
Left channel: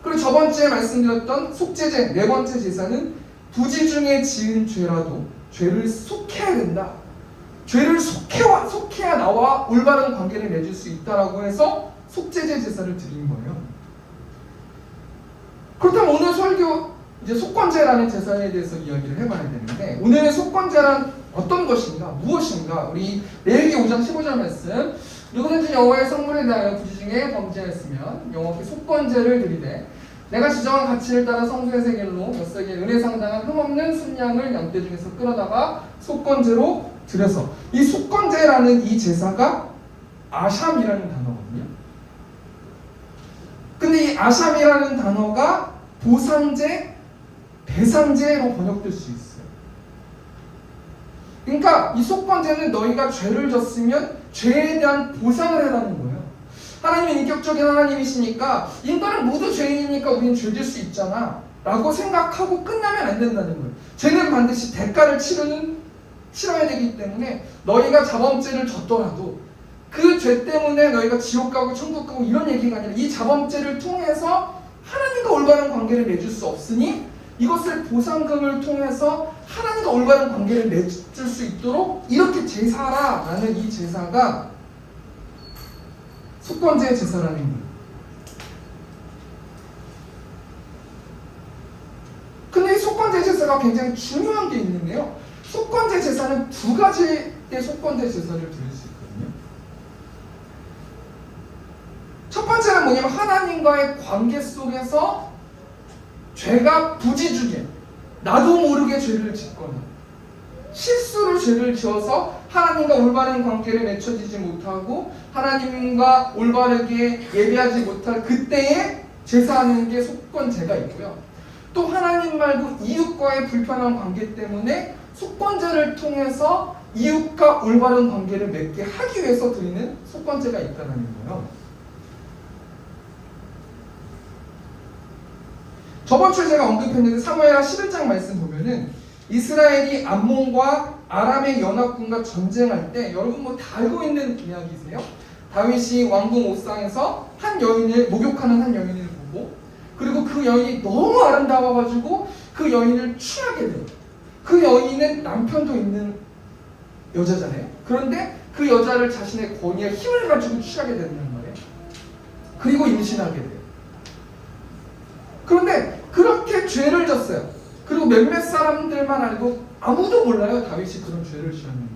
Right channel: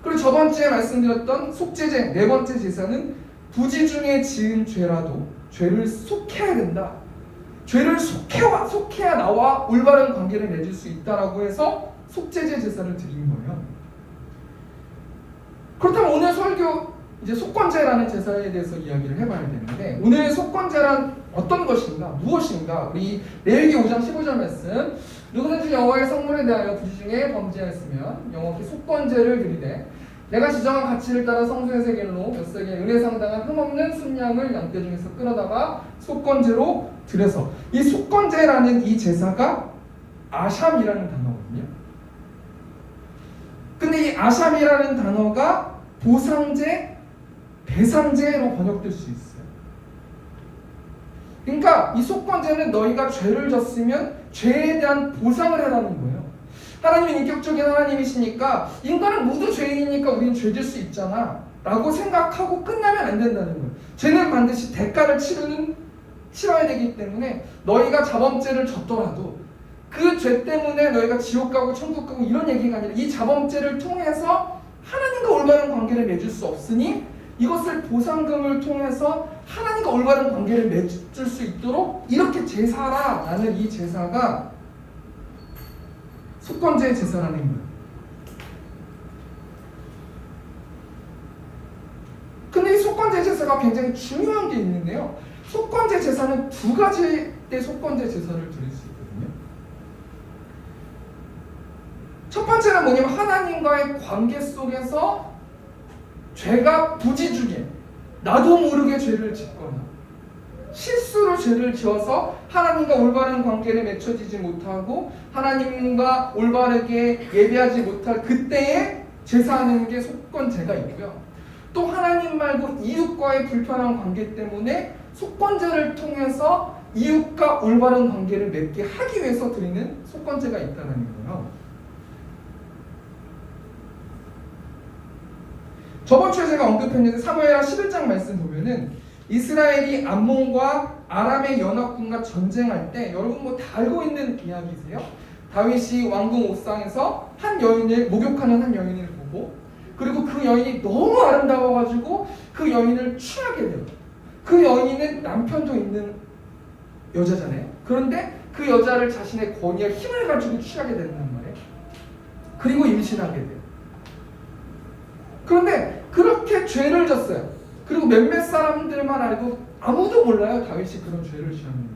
그리고 저번주에 말씀드렸던 속죄제, 4번째 제사는 부지 중에 지은 죄라도 죄를 속해야 된다. 죄를 속해야 나와 올바른 관계를 맺을 수 있다라고 해서 속죄제 제사를 드린 거예요. 그렇다면 오늘 설교 이제 속건제라는 제사에 대해서 이야기를 해봐야 되는데, 오늘의 속건제란 어떤 것인가, 무엇인가? 우리 레위기 5장 15절 말씀, 누구든지 여호와의 성물에 대하여 부지 중에 범죄하였으면 여호와께 속건제를 드리되 내가 지정한 가치를 따라 성소의 세겔로 몇 세겔 은혜 상당한 흠없는 순양을 양떼 중에서 끌어다가 속건제로 드려서, 이 속건제라는 이 제사가 아샴이라는 단어거든요. 근데 이 아샴이라는 단어가 보상제, 배상제로 번역될 수 있어요. 그러니까 이 속건제는 너희가 죄를 졌으면 죄에 대한 보상을 해라는 거예요. 하나님은 인격적인 하나님이시니까 인간은 모두 죄인이니까 우리는 죄질 수 있잖아 라고 생각하고 끝나면 안 된다는 거예요. 죄는 반드시 대가를 치러야 되기 때문에 너희가 자범죄를 졌더라도 그 죄 때문에 너희가 지옥 가고 천국 가고 이런 얘기가 아니라 이 자범죄를 통해서 하나님과 올바른 관계를 맺을 수 없으니 이것을 보상금을 통해서 하나님과 올바른 관계를 맺을 수 있도록 이렇게 제사라는 이 제사가 속건제 제사라는 거예요. 근데 이 속건제 제사가 굉장히 중요한 게 있는데요. 속건제 제사는 두 가지의 속건제 제사를 드릴 수 있거든요. 첫 번째는 뭐냐면 하나님과의 관계 속에서 죄가 부지중에 나도 모르게 죄를 짓거나 실수로 죄를 지어서 하나님과 올바른 관계를 맺혀지지 못하고 하나님과 올바르게 예배하지 못할 그때에 제사하는 게 속건제가 있고요. 또 하나님 말고 이웃과의 불편한 관계 때문에 속건제를 통해서 이웃과 올바른 관계를 맺게 하기 위해서 드리는 속건제가 있다는 거예요. 저번 주에 제가 언급했는데 사무엘하 11장 말씀 보면은 이스라엘이 암몬과 아람의 연합군과 전쟁할 때, 여러분 뭐 다 알고 있는 이야기세요? 다윗이 왕궁 옥상에서 한 여인을 목욕하는 한 여인을 보고, 그리고 그 여인이 너무 아름다워가지고 그 여인을 취하게 돼요. 그 여인은 남편도 있는 여자잖아요. 그런데 그 여자를 자신의 권위와 힘을 가지고 취하게 된단 말이에요. 그리고 임신하게 돼요. 그런데 그렇게 죄를 졌어요. 그리고 몇몇 사람들만 알고 아무도 몰라요, 다윗이 그런 죄를 지었는지.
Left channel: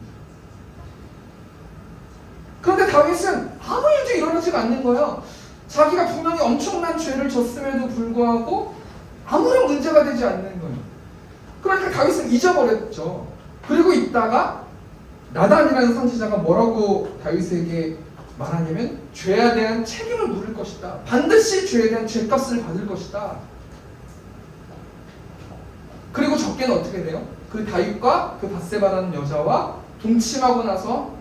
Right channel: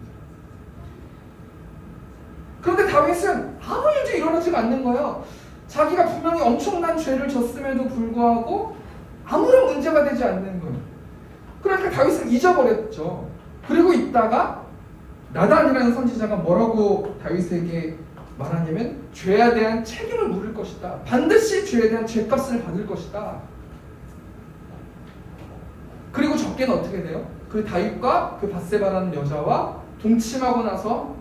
그런데 다윗은 아무 일도 일어나지가 않는 거예요. 자기가 분명히 엄청난 죄를 졌음에도 불구하고 아무런 문제가 되지 않는 거예요. 그러니까 다윗은 잊어버렸죠. 그리고 있다가 나단이라는 선지자가 뭐라고 다윗에게 말하냐면, 죄에 대한 책임을 물을 것이다. 반드시 죄에 대한 죄값을 받을 것이다. 그리고 적게는 어떻게 돼요? 그 다윗과 그 밧세바라는 여자와 동침하고 나서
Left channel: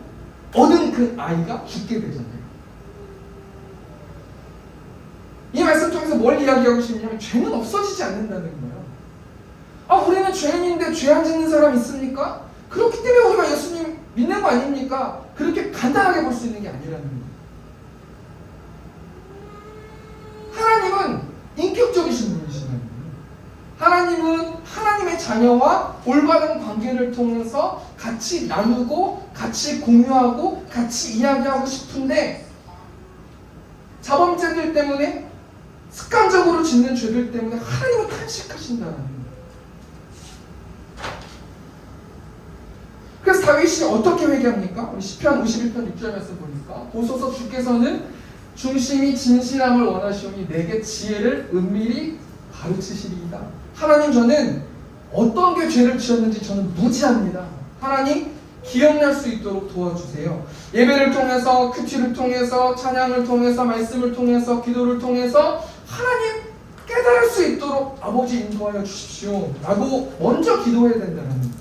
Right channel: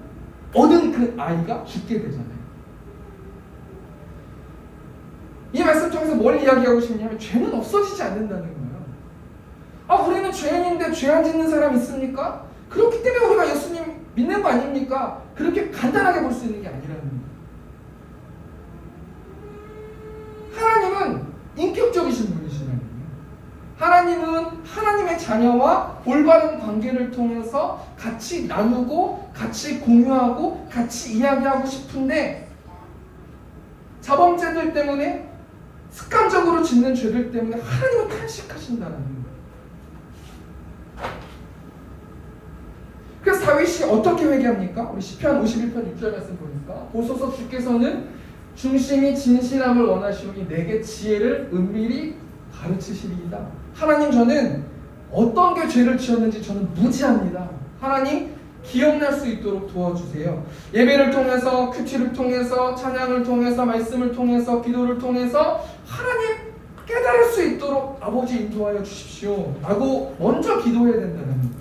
얻은 그 아이가 죽게 되잖아요. 이 말씀 통해서 뭘 이야기하고 싶냐면, 죄는 없어지지 않는다는 거예요. 아, 우리는 죄인인데 죄 안 짓는 사람 있습니까? 그렇기 때문에 우리가 예수님 믿는 거 아닙니까? 그렇게 간단하게 볼 수 있는 게 아니라는 거예요. 하나님은 인격적이신 분이시라는 거예요. 하나님은 하나님의 자녀와 올바른 관계를 통해서 같이 나누고 같이 공유하고 같이 이야기하고 싶은데, 자범죄들 때문에 습관적으로 짓는 죄들 때문에 하나님은 탄식하신다는 거예요. 그래서 다윗이 어떻게 회개합니까? 우리 시편 51편 6절 말씀 보니까, 보소서 주께서는 중심이 진실함을 원하시오니 내게 지혜를 은밀히 가르치시리이다. 하나님, 저는 어떤 게 죄를 지었는지 저는 무지합니다. 하나님, 기억날 수 있도록 도와주세요. 예배를 통해서, 큐티를 통해서, 찬양을 통해서, 말씀을 통해서, 기도를 통해서 하나님 깨달을 수 있도록 아버지 인도하여 주십시오 라고 먼저 기도해야 된다는 거예요.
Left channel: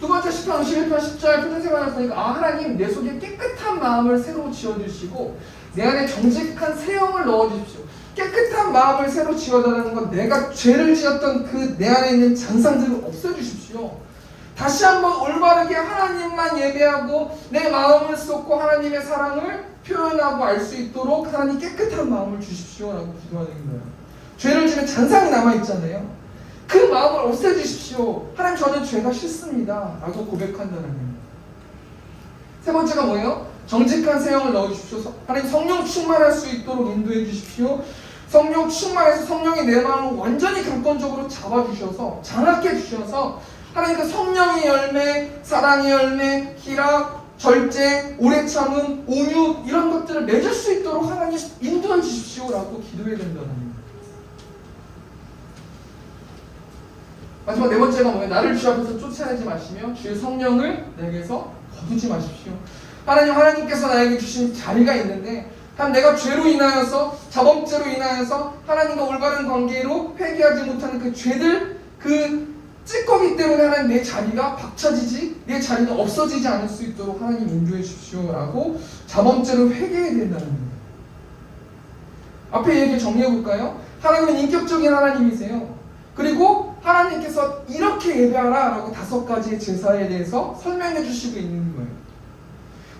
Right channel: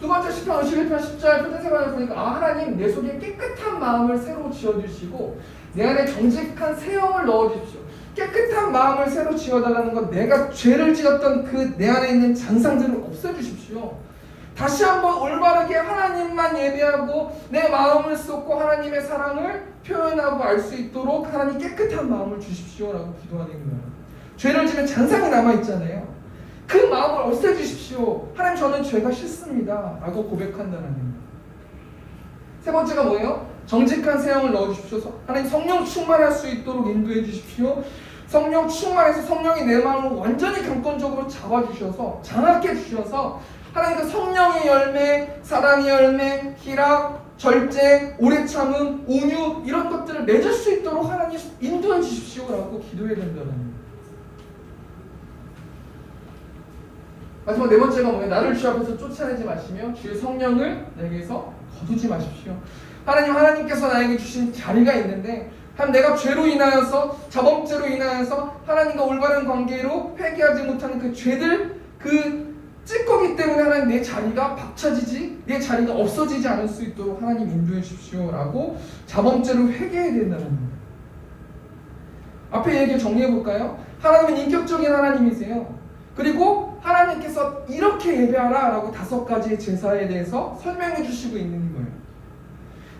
두 번째 시편 51편 10절 표준세관을 보니까, 아, 하나님 내 속에 깨끗한 마음을 새로 지어주시고 내 안에 정직한 새 영을 넣어주십시오. 깨끗한 마음을 새로 지어달라는 건 내가 죄를 지었던 그 내 안에 있는 잔상들을 없애주십시오. 다시 한번 올바르게 하나님만 예배하고 내 마음을 쏟고 하나님의 사랑을 표현하고 알 수 있도록 하나님 깨끗한 마음을 주십시오 라고 기도하는 거예요. 죄를 지면 잔상이 남아있잖아요. 그 마음을 없애주십시오. 하나님, 저는 죄가 싫습니다 라고 고백한다는 거예요. 세 번째가 뭐예요? 정직한 세형을 넣어주십시오. 하나님 성령 충만할 수 있도록 인도해 주십시오. 성령 충만해서 성령이 내 마음을 완전히 강권적으로 잡아주셔서 장악해 주셔서 하나님 그 성령의 열매, 사랑의 열매, 희락, 절제, 오래 참음, 온유 이런 것들을 맺을 수 있도록 하나님 인도해 주십시오라고 기도해야 된다는 거예요. 마지막 네 번째가 뭐예요? 나를 주 앞에서 쫓아내지 마시며 주의 성령을 내게서 거두지 마십시오. 하나님께서 나에게 주신 자리가 있는데 내가 죄로 인하여서 자범죄로 인하여서 하나님과 올바른 관계로 회개하지 못하는 그 죄들 그 찌꺼기 때문에 하나님 내 자리가 박차지지 내 자리가 없어지지 않을 수 있도록 하나님 인도해 주십시오라고 자범죄로 회개해야 된다는 거예요. 앞에 얘기 정리해 볼까요? 하나님은 인격적인 하나님이세요. 그리고 하나님께서 이렇게 예배하라 라고 5가지의 제사에 대해서 설명해 주시고 있는 거예요.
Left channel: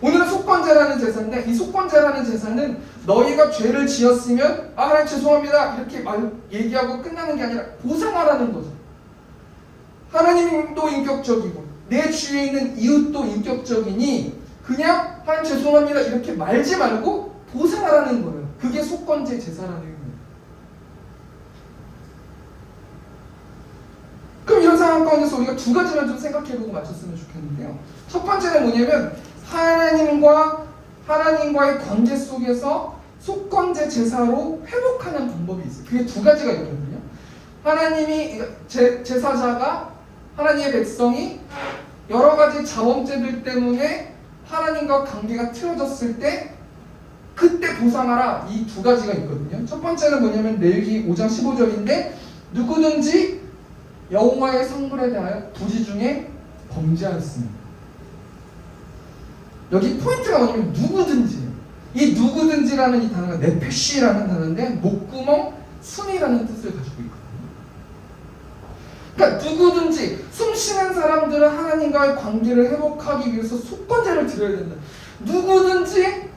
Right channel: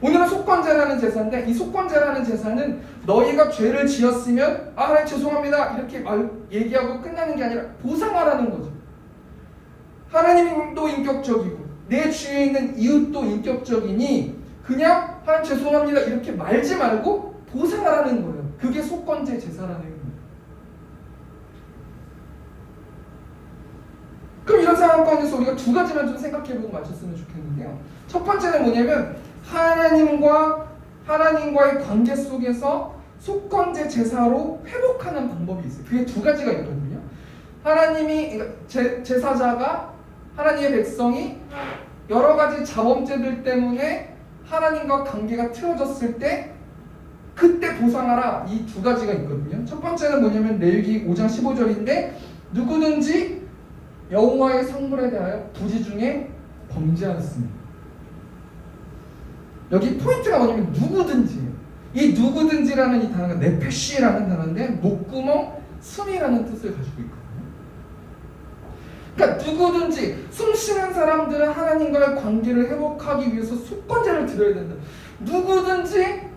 오늘은 속건제라는 제사인데 이 속건제라는 제사는 너희가 죄를 지었으면 하나님 죄송합니다 이렇게 얘기하고 끝나는 게 아니라 보상하라는 거죠. 하나님도 인격적이고 내 주위에 있는 이웃도 인격적이니 그냥 하나님 죄송합니다 이렇게 말지 말고 보상하라는 거예요. 그게 속건제 제사라는 거예요. 그럼 이런 상황 가운데서 우리가 2가지만 좀 생각해보고 맞췄으면 좋겠는데요. 첫 번째는 뭐냐면 하나님과의 관계 속에서 속건제 제사로 회복하는 방법이 있어요. 그게 2가지가 있거든요. 하나님이 제사자가 하나님의 백성이 여러 가지 자범죄들 때문에 하나님과 관계가 틀어졌을 때 그때 보상하라 이 2가지가 있거든요. 첫 번째는 뭐냐면 레위기 5장 15절인데 누구든지 여호와의 성물에 대하여 부지 중에 범죄하였습니다. 여기 포인트가 뭐냐면 누구든지예요. 이 누구든지라는 이 단어가 네페시라는 단어인데 목구멍, 숨이라는 뜻을 가지고 있거든요. 그러니까 누구든지 숨쉬는 사람들은 하나님과의 관계를 회복하기 위해서 속건제를 드려야 된다. 누구든지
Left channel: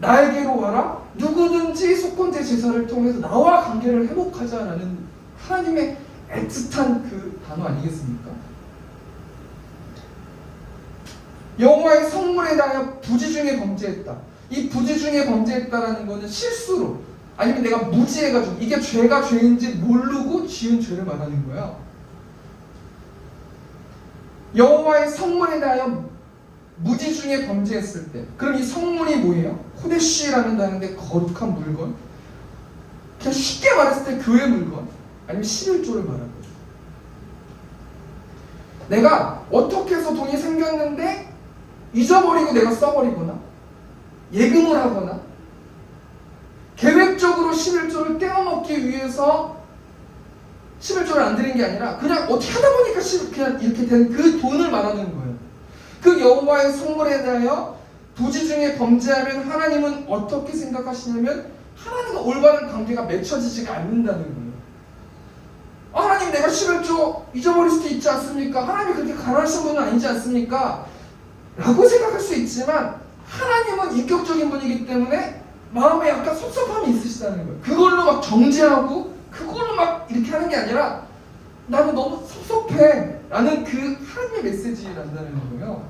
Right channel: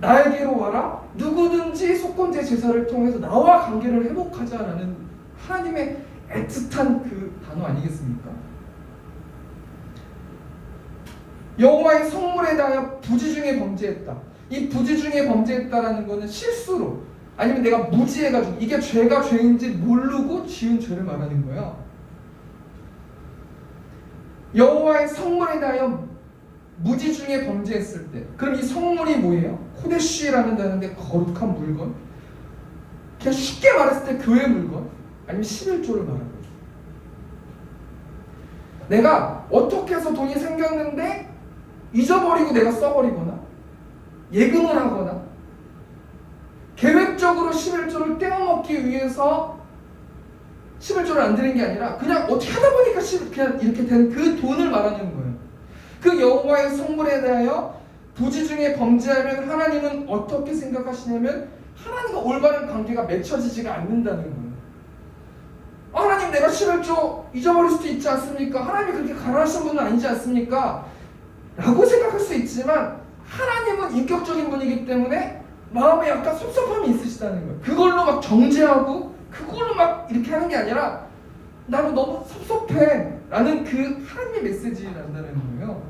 나에게로 와라. 누구든지 속건제 제사를 통해서 나와 관계를 회복하자라는 하나님의 애틋한 그 단어 아니겠습니까? 여호와의 성물에 대하여 부지 중에 범죄했다. 이 부지 중에 범죄했다라는 것은 실수로 아니면 내가 무지해가지고 이게 죄가 죄인지 모르고 지은 죄를 말하는 거야. 여호와의 성물에 대하여 무지 중에 범죄했을 때 그럼 이 성물이 뭐예요? 코데시라는 단어인데 거룩한 물건. 그냥 쉽게 말했을 때 교회 물건 아니면 11조를 말하는 거죠. 내가 어떻게 해서 돈이 생겼는데 잊어버리고 내가 써버리거나 예금을 하거나 계획적으로 11조를 떼어먹기 위해서 11조를 안 드린 게 아니라 그냥 어떻게 하다 보니까 그냥 이렇게 된 그 돈을 말하는 거예요. 그 여호와의 성물에 대하여 부지 중에 범죄하면 하나님은 어떻게 생각하시냐면 하나님과 올바른 관계가 맺혀지지가 않는다는 거예요. 하나님 내가 11조 잊어버릴 수도 있지 않습니까? 하나님이 그렇게 가난하신 분은 아니지 않습니까? 라고 생각할 수 있지만 하나님은 인격적인 분이기 때문에 마음에 약간 섭섭함이 있으시다는 거예요. 그걸로 막 정죄하고 그걸로 막 이렇게 하는 게 아니라 나는 너무 섭섭해 라는 그 하나님의 메시지를 난다는 거예요.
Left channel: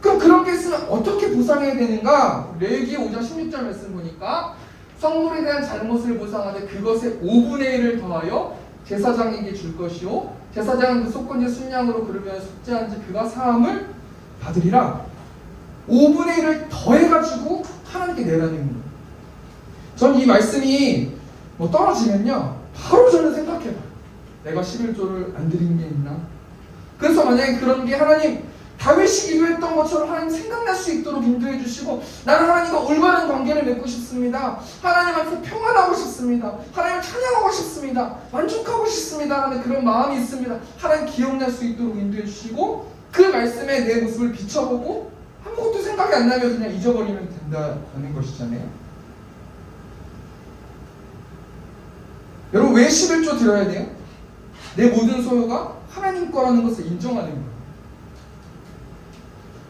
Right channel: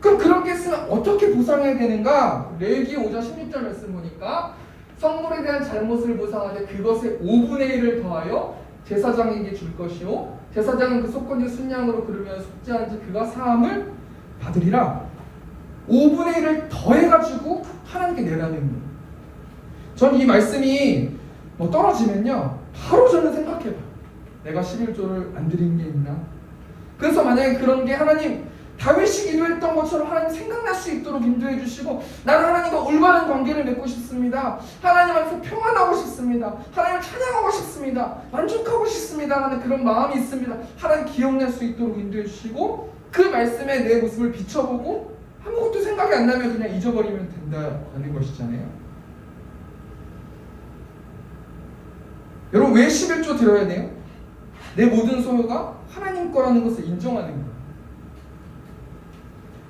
그럼 그런 게 있으면 어떻게 보상해야 되는가? 레위기 5장 16절 말씀 보니까 성물에 대한 잘못을 보상하되 그것의 5분의 1을 더하여 제사장에게 줄 것이요 제사장은 그 속건제 순양으로 그러면 속죄한지 그가 사함을 받으리라. 5분의 1을 더해가지고 하나님께 내라는 거예요. 전 이 말씀이 떨어지면요 바로 저는 생각해봐요. 내가 11조를 안 드린 게 있나? 그래서 만약에 그런 게 하나님 다윗이 기도했던 것처럼 하나님 생각날 수 있도록 인도해 주시고 나는 하나님과 올바른 관계를 맺고 싶습니다. 하나님 앞에서 평안하고 싶습니다. 하나님을 찬양하고 싶습니다. 만족하고 싶습니다. 라는 그런 마음이 있습니다. 하나님 기억날 수 있도록 인도해 주시고 그 말씀에 내 모습을 비춰보고 아무것도 생각이 안 나면 그냥 잊어버리면 된다는 것이잖아요. 여러분 왜 11조 드려야 돼요? 내 모든 소유가 하나님 거라는 것을 인정하는 거예요.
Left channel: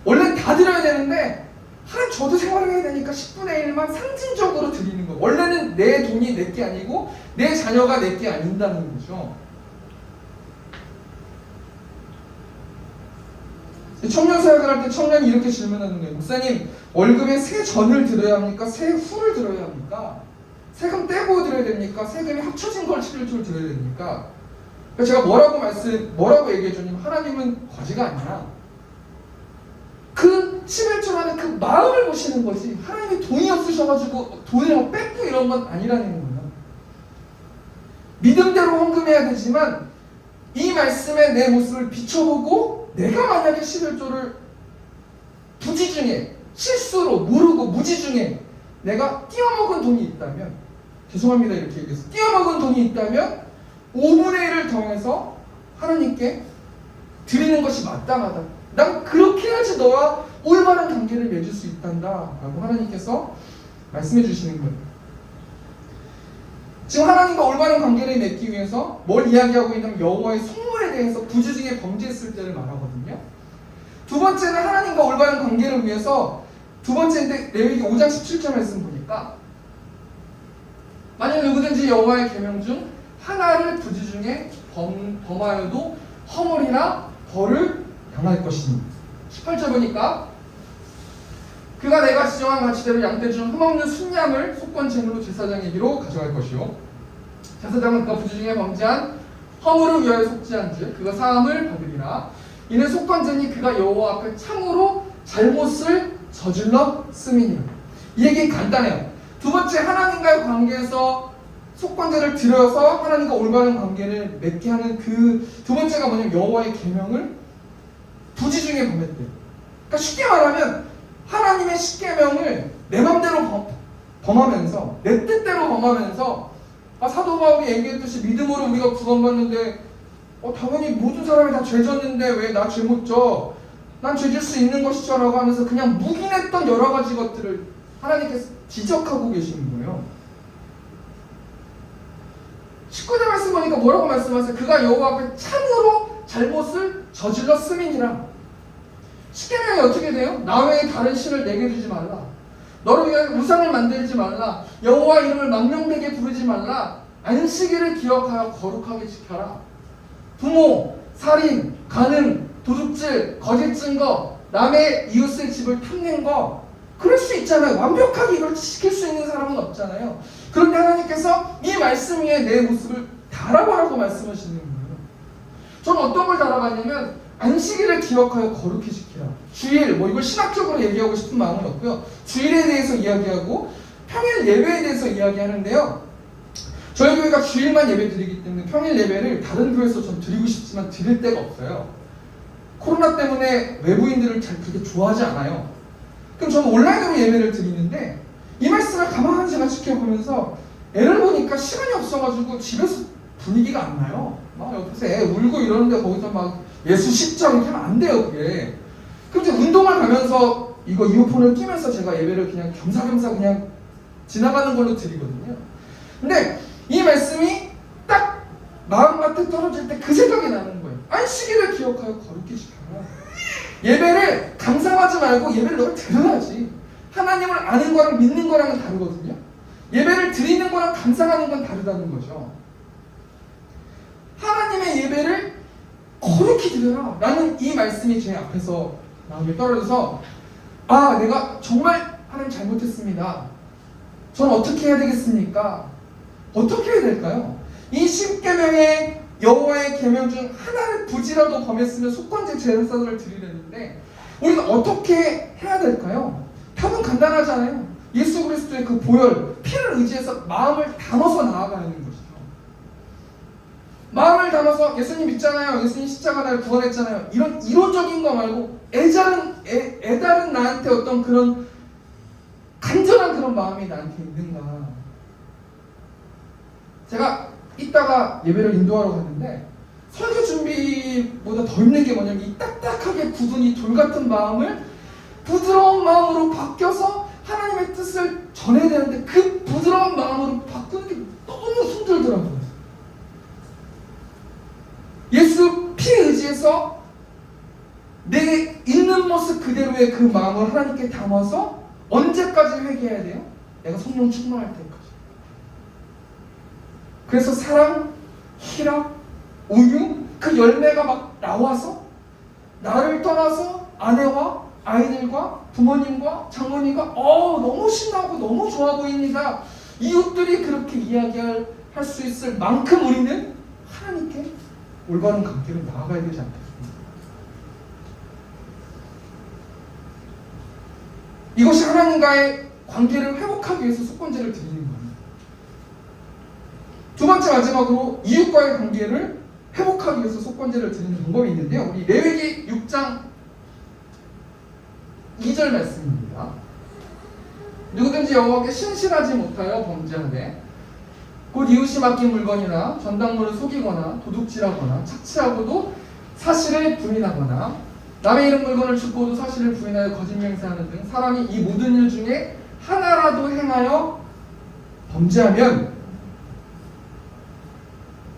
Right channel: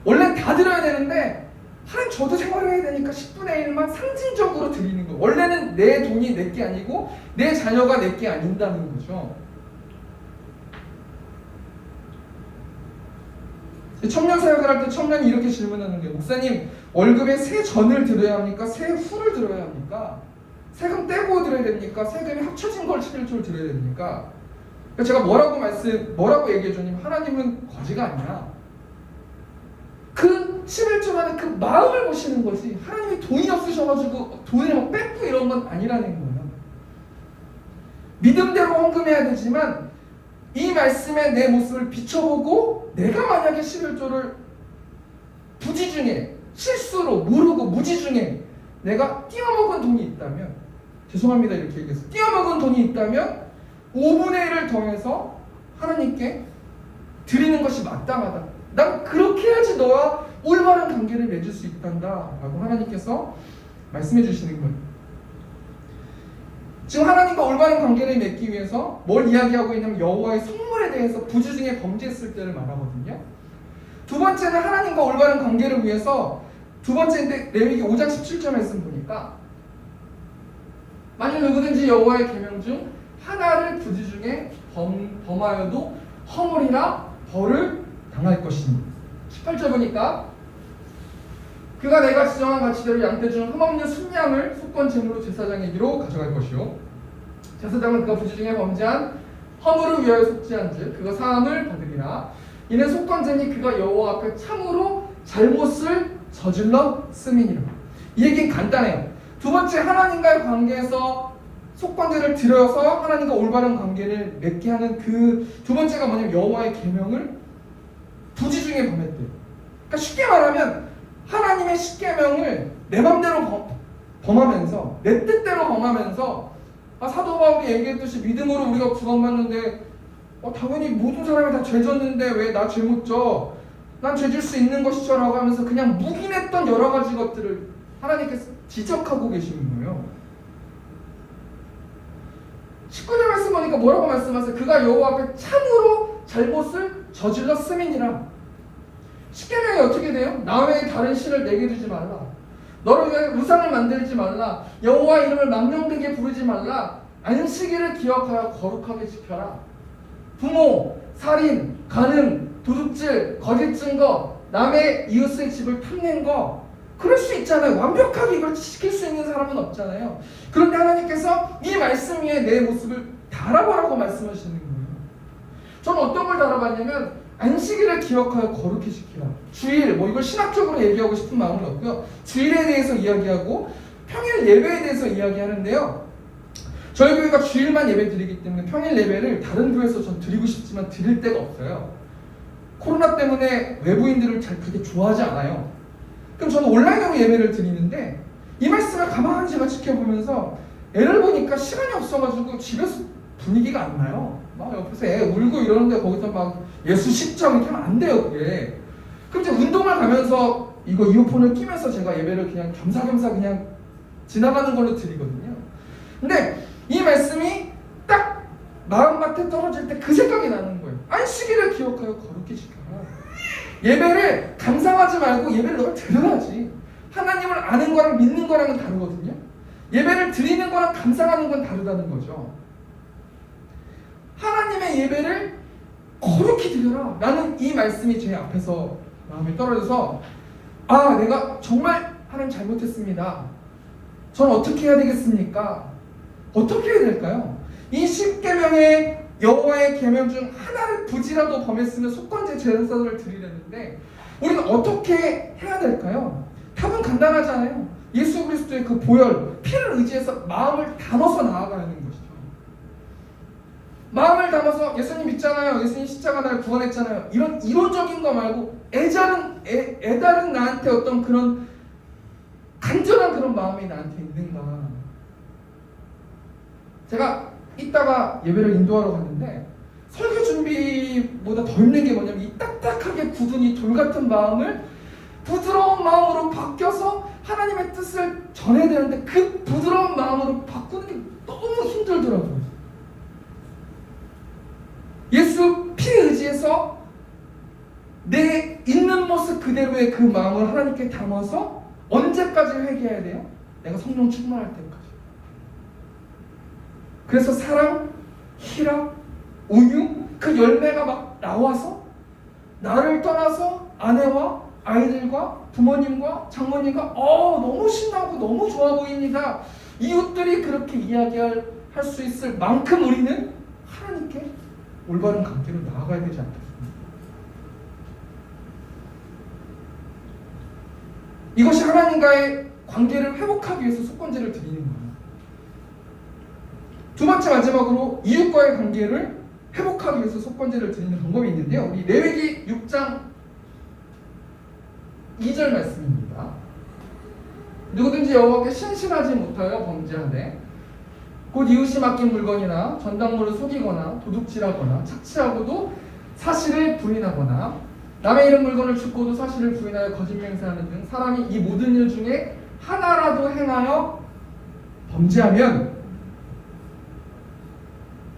원래 다 드려야 되는데 하나님 저도 생활을 해야 되니까 10분의 1만 상징적으로 드리는 거예요. 원래는 내 돈이 내 게 아니고 내 자녀가 내 게 아닌다는 거죠. 청년 사역을 할 때 청년이 이렇게 질문하는 거예요. 목사님, 월급에 세전을 들어야 합니까? 세후를 들어야 합니까? 세금 떼고 들어야 됩니까? 세금이 합쳐진 걸 11조를 들어야 됩니까? 그러니까 제가 뭐라고 얘기해주냐면, 하나님은 거지가 아니야. 그 11조라는 그 마음을 보시는 거지, 하나님이 돈이 없으셔가지고 돈을 막 뺏고 이런 건 아니라는 거예요. 믿음대로 헌금해야 되지만 이 말씀에 내 모습을 비춰보고, 내가 만약에 11조를 부지 중에 실수로 모르고 무지 중에 내가 띄어먹은 돈이 있다면, 죄송합니다 이렇게 얘기했어요. 띄어먹은 돈이 있다면 5분의 1을 더해서 하나님께 드리는 것이 마땅하다. 난 그렇게 해야지 너와 올바른 관계를 맺을 수 있단다 라고 하나님께서 말씀해 주시는 거예요. 지금 하나님과 올바른 관계를 맺기 위해서 뭘 이야기하고 있냐면, 여호와의 성물에 대해서 부지 중에 범죄했을 때를 말하거든요. 두 번째는 하나님과 올바른 관계를 위해서, 두 번째인데 레위기 5장 17절 말씀 보니까, 만약 누구든지 여호와의 계명 중 하나를 부지 중에 범하여도 허물이나 벌을 당할 것이니. 18절 보니까, 그가 내가 지정한 가치대로 양떼 중 흠없는 순양을 속건 제물로 제사장에게로 가져갈 것이요, 제사장은 그가 부지 중에 범죄한 허물을 위하여 속죄한즉 그가 사함을 받으리라. 이는 속건제니 그가 여호와 앞에 참으로 잘못을 저질렀음이니라. 이 얘기는 간단해요. 두 번째, 하나님과의 관계에서 속건제를 드려서 하나님과 올바른 관계를 맺게 하는 그 두 번째가 뭐냐면, 여호와의 계명을 부지 중에 범했대요. 그러니까 쉽게 말하면 하나님의 십계명을 내 맘대로 범하면서, 내 뜻대로 범하면서, 사도 바울이 얘기했듯이 믿음으로 우리가 구원받는데 당연히 모든 사람이 다 죄졌는데 왜 나 죄 못 져? 난 죄질 수 있는 것이죠 라고 하면서 그냥 묵인했던 여러 가지 것들을 하나님께서 지적하고 계시는 거예요. 19절 말씀 보니까 뭐라고 말씀하세요? 그가 여호와 앞에 참으로 잘못을 저질렀음이니라. 십계명이 어떻게 돼요? 나 외에 다른 신을 내게 두지 말라. 너를 위해 우상을 만들지 말라. 여호와 이름을 망령되게 부르지 말라. 안식일을 기억하여 거룩하게 지켜라. 부모, 살인, 간음, 도둑질, 거짓 증거, 남의 이웃의 집을 탐낸 거, 그럴 수 있잖아요. 완벽하게 이걸 지킬 수 있는 사람은 없잖아요. 그런데 하나님께서 이 말씀 위에 내 모습을 달아보라고 말씀하시는 거예요. 저는 어떤 걸 달아봤냐면, 안식일을 기억하여 거룩히 지키라. 주일, 이걸 신학적으로 얘기하고 싶은 마음은 없고요. 주일에 대해서 이야기하고 평일 예배에 대해서 이야기하는데요. 저희 교회가 주일만 예배 드리기 때문에 평일 예배를 다른 교회에서 좀 드리고 싶지만 드릴 데가 없어요. 코로나 때문에 외부인들을 잘 그렇게 좋아하지 않아요. 그럼 저는 온라인으로 예배를 드리는데, 이 말씀을 가만히 제가 지켜보면서 애를 보니까 시간이 없어가지고 집에서 분위기가 안 나요. 막 옆에서 애 울고 이러는데 거기서 막 예수 십자 이렇게 하면 안 돼요, 그게. 그럼 이제 운동을 가면서 이거 이어폰을 끼면서 제가 예배를 그냥 겸사겸사 그냥 지나가는 걸로 드리거든요. 근데 이 말씀이 딱 마음밭에 떨어질 때 그 생각이 나는 거예요. 안식일을 기억하여 거룩히 지켜라. 예배를 감상하지 말고 예배를 너가 들어야지. 하나님을 아는 거랑 믿는 거랑은 다르거든요. 예배를 드리는 거랑 감상하는 건 다르다는 거죠. 하나님의 예배를 거룩히 드려라 라는 이 말씀이 제 앞에서 마음에 떨어져서, 내가 정말 하나님 잘못했습니다. 전 어떻게 해야 되겠습니까? 어떻게 해야 될까요? 이 10계명의 여호와의 계명 중 하나를 부지라도 범했으면 속건제 제사를 드리려는데 우리는 어떻게 해야 될까요? 답은 간단하잖아요. 예수 그리스도의 그 보혈, 피를 의지해서 마음을 담아서 나아가는 것이죠. 마음을 담아서 예수님 믿잖아요. 예수님 십자가 날 구원했잖아요. 이런 이론적인 거 말고 애다른 나한테 어떤 그런 간절한 그런 마음이 나한테 있는가. 제가 이따가 예배를 인도하러 갔는데 설교 준비보다 더 힘든 게 뭐냐면 이 딱딱하게 굳은 이 돌 같은 마음을 부드러운 마음으로 바뀌어서 하나님의 뜻을 전해야 되는데 그 부드러운 마음으로 바꾸는 게 너무 힘들더라고요. 예수 피 의지해서 내 있는 모습 그대로의 그 마음을 하나님께 담아서 언제까지 회개해야 돼요? 내가 성령 충만할 때까지. 그래서 사랑, 희락, 온유 그 열매가 막 나와서 나를 떠나서 아내와 아이들과 부모님과 장모님과 너무 신나고 너무 좋아 보입니다. 이웃들이 그렇게 이야기할 수 있을 만큼 우리는 하나님께 올바른 관계로 나아가야 되지 않겠습니까? 이것이 하나님과의 관계를 회복하기 위해서 속건제를 드리는 거예요. 두 번째 마지막으로 이웃과의 관계를 회복하기 위해서 속건제를 드리는 방법이 있는데요. 우리 레위기 6장 2절 말씀입니다. 누구든지 여호와께 신실하지 못하여 범죄하되 곧 이웃이 맡긴 물건이나 전당물을 속이거나 도둑질하거나 착취하고도 사실을 부인하거나 남의 이름 물건을 죽고도 사실을 부인하여 거짓 맹세하는 등 사람이 이 모든 일 중에 하나라도 행하여 범죄하면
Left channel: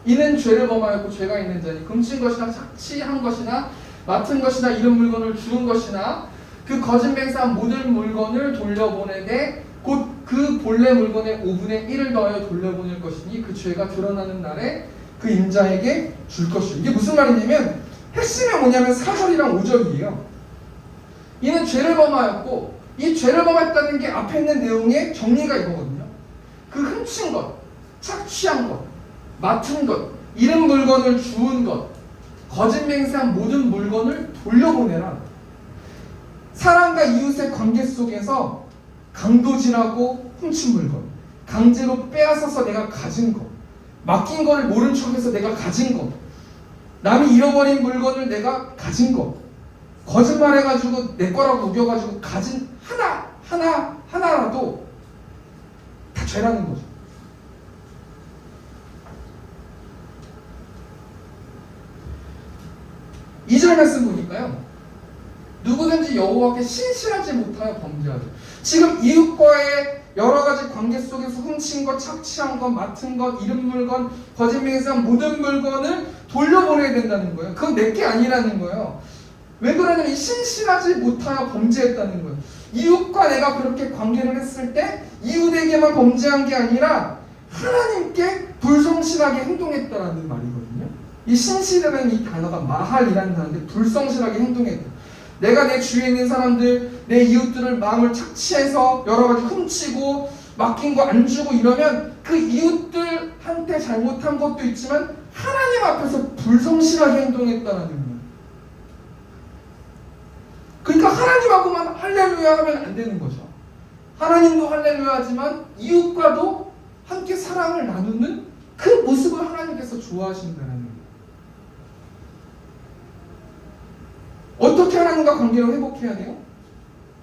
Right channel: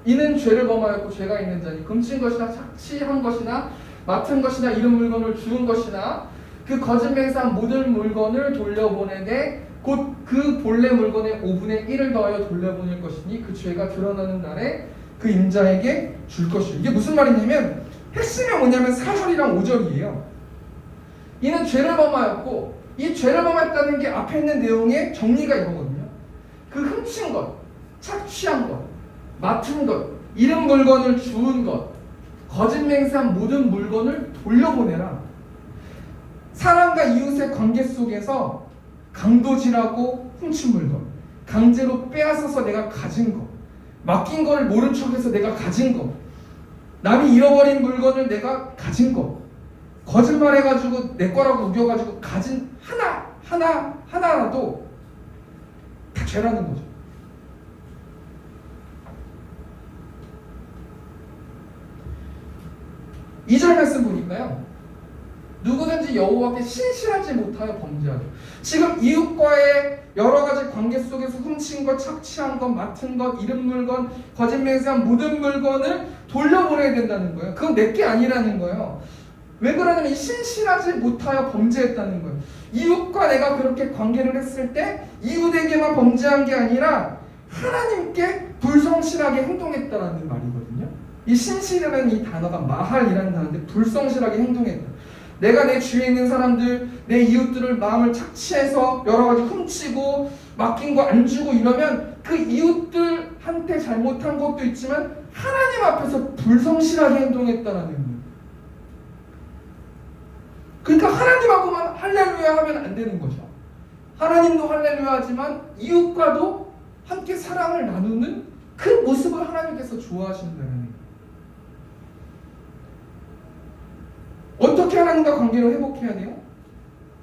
이는 죄를 범하였고 죄가 있는 자니 금친 것이나 착취한 것이나 맡은 것이나 이름 물건을 주운 것이나 그 거짓 맹세한 모든 물건을 돌려보내되 곧 그 본래 물건의 5분의 1을 더하여 돌려보낼 것이니 그 죄가 드러나는 날에 그 임자에게 줄 것이요. 이게 무슨 말이냐면 핵심이 뭐냐면 4절이랑 5절이에요. 이는 죄를 범하였고 이 죄를 범했다는 게 앞에 있는 내용의 정리가 이거거든요. 그 훔친 것, 착취한 것, 맡은 것, 잃은 물건을 주운 것, 거짓 맹세한 모든 물건을 돌려보내라. 사람과 이웃의 관계 속에서 강도질하고 훔친 물건, 강제로 빼앗아서 내가 가진 것, 맡긴 거를 모른 척해서 내가 가진 것, 남이 잃어버린 물건을 내가 가진 것, 거짓말해가지고 내 거라고 우겨가지고 가진 하나라도 다 죄라는 거죠. 이 절 말씀 보니까요. 누구든지 여호와께 신실하지 못하여 범죄하죠. 지금 이웃과의 여러 가지 관계 속에서 훔친 것, 착취한 것, 맡은 것, 잃은 물건, 거짓 맹세한 모든 물건을 돌려보내야 된다는 거예요. 그건 내게 아니라는 거예요. 왜 그러냐면 신실하지 못하여 범죄했다는 거예요. 이웃과 내가 그렇게 관계를 했을 때 이웃에게만 범죄한 게 아니라 하나님께 불성실하게 행동했다라는 말이거든요. 이 신실이라는 이 단어가 마할이라는 단어인데 불성실하게 행동했다. 내가 내 주위에 있는 사람들, 내 이웃들을 마음을 착취해서 여러 가지 훔치고 맡긴 거 안 주고 이러면 그 이웃들한테 잘못한 것도 있지만 하나님 앞에서 불성실하게 행동했다라는 거예요. 그러니까 하나님하고만 할렐루야 하면 안 되는 거죠. 하나님도 할렐루야 하지만 이웃과도 함께 사랑을 나누는 그 모습을 하나님께서 좋아하신다는 거예요. 어떻게 하나님과 관계를 회복해야 돼요?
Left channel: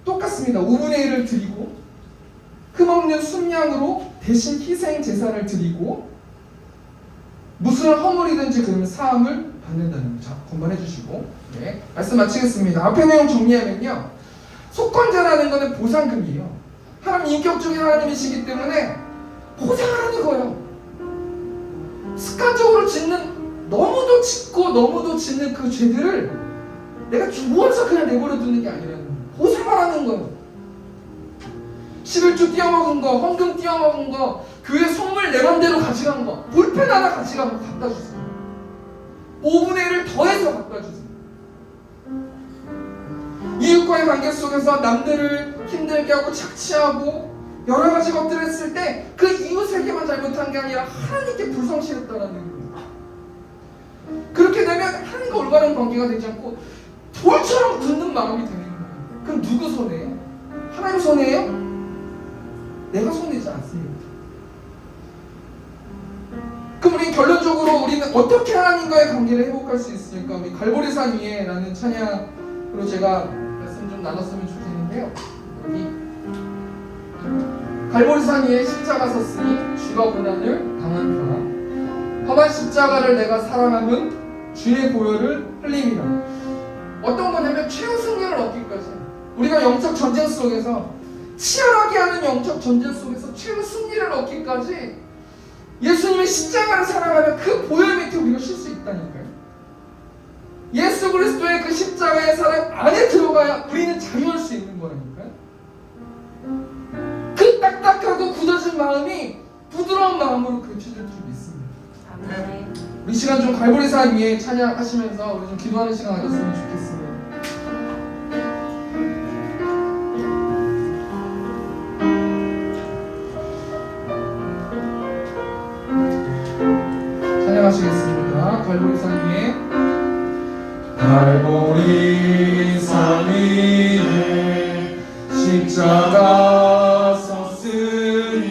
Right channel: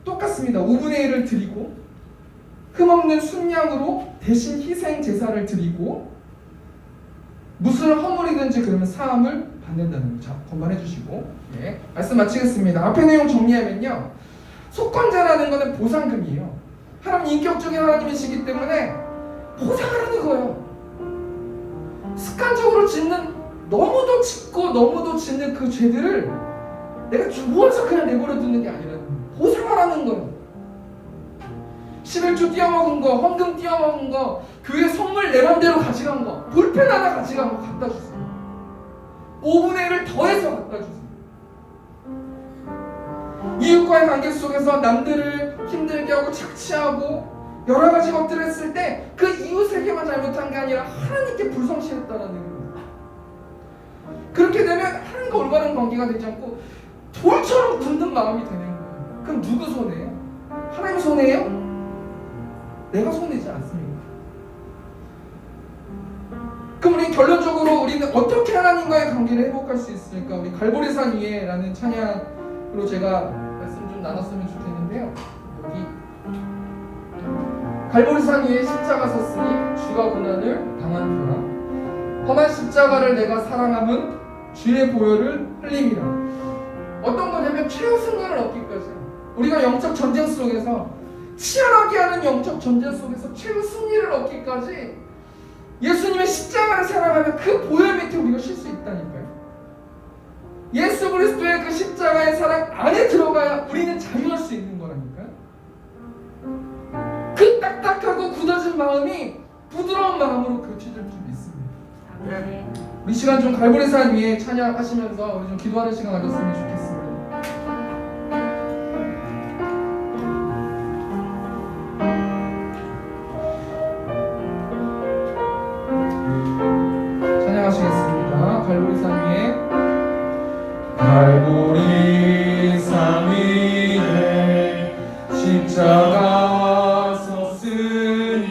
똑같습니다. 5분의 1을 드리고 흠없는 순양으로 대신 희생 제사를 드리고 무슨 허물이든지 그러면 사함을 받는다는 거. 자, 건반해 주시고 말씀 마치겠습니다. 앞에 내용 정리하면요. 속건제라는 것은 보상금이에요. 하나님 인격적인 하나님이시기 때문에 보상을 하는 거예요. 습관적으로 짓는 너무도 짓고 너무도 짓는 그 죄들을 내가 주워서 그냥 내버려 두는 게 아니라는 거예요. 보상을 하는 거예요. 11조 띄어먹은 거, 헌금 띄어먹은 거, 교회 선물 내 맘대로 가져간 거, 볼펜 하나 가져간 거 갖다 주세요. 5분의 1을 더해서 갖다 주세요. 이웃과의 관계 속에서 남들을 힘들게 하고 착취하고 여러 가지 것들을 했을 때 그 이웃에게만 잘못한 게 아니라 하나님께 불성실했다는 거예요. 그렇게 되면 하나님과 올바른 관계가 되지 않고 돌처럼 굳는 마음이 되는 거예요. 그럼 누구 손해예요? 하나님 손해예요? 내가 손해지 않습니다. 그럼 우리 결론적으로 우리는 어떻게 하나님과의 관계를 회복할 수 있을까? 우리 갈보리산 위에라는 찬양으로 제가 말씀 좀 나눴으면 좋겠는데요. 여기 갈보리산 위에 십자가 섰으니 주가 고난을 당한 터라 험한 십자가를 내가 사랑함은 주의 보혈을 흘림이라. 어떤 거냐면 최후 승리를 얻기까지 우리가 영적 전쟁 속에서 치열하게 하는 영적 전쟁 속에서 최후 승리를 얻기까지 예수님의 십자가를 사랑하면 그 보혈 밑에 우리가 쉴 수 있다니까요. 예수 그리스도의 그 십자가의 사랑 안에 들어가야 우리는 자유할 수 있는 거라니까요. 그 딱딱하고 굳어진 마음이 부드러운 마음으로 고쳐질 줄 믿습니다. 우리 시간 좀 갈보리산 위에 찬양하시면서 우리 좀 기도하는 시간 가졌으면 좋겠습니다. 찬양하시겠습니다. 갈보리산 위에 갈보리산 위에 십자가 섰으니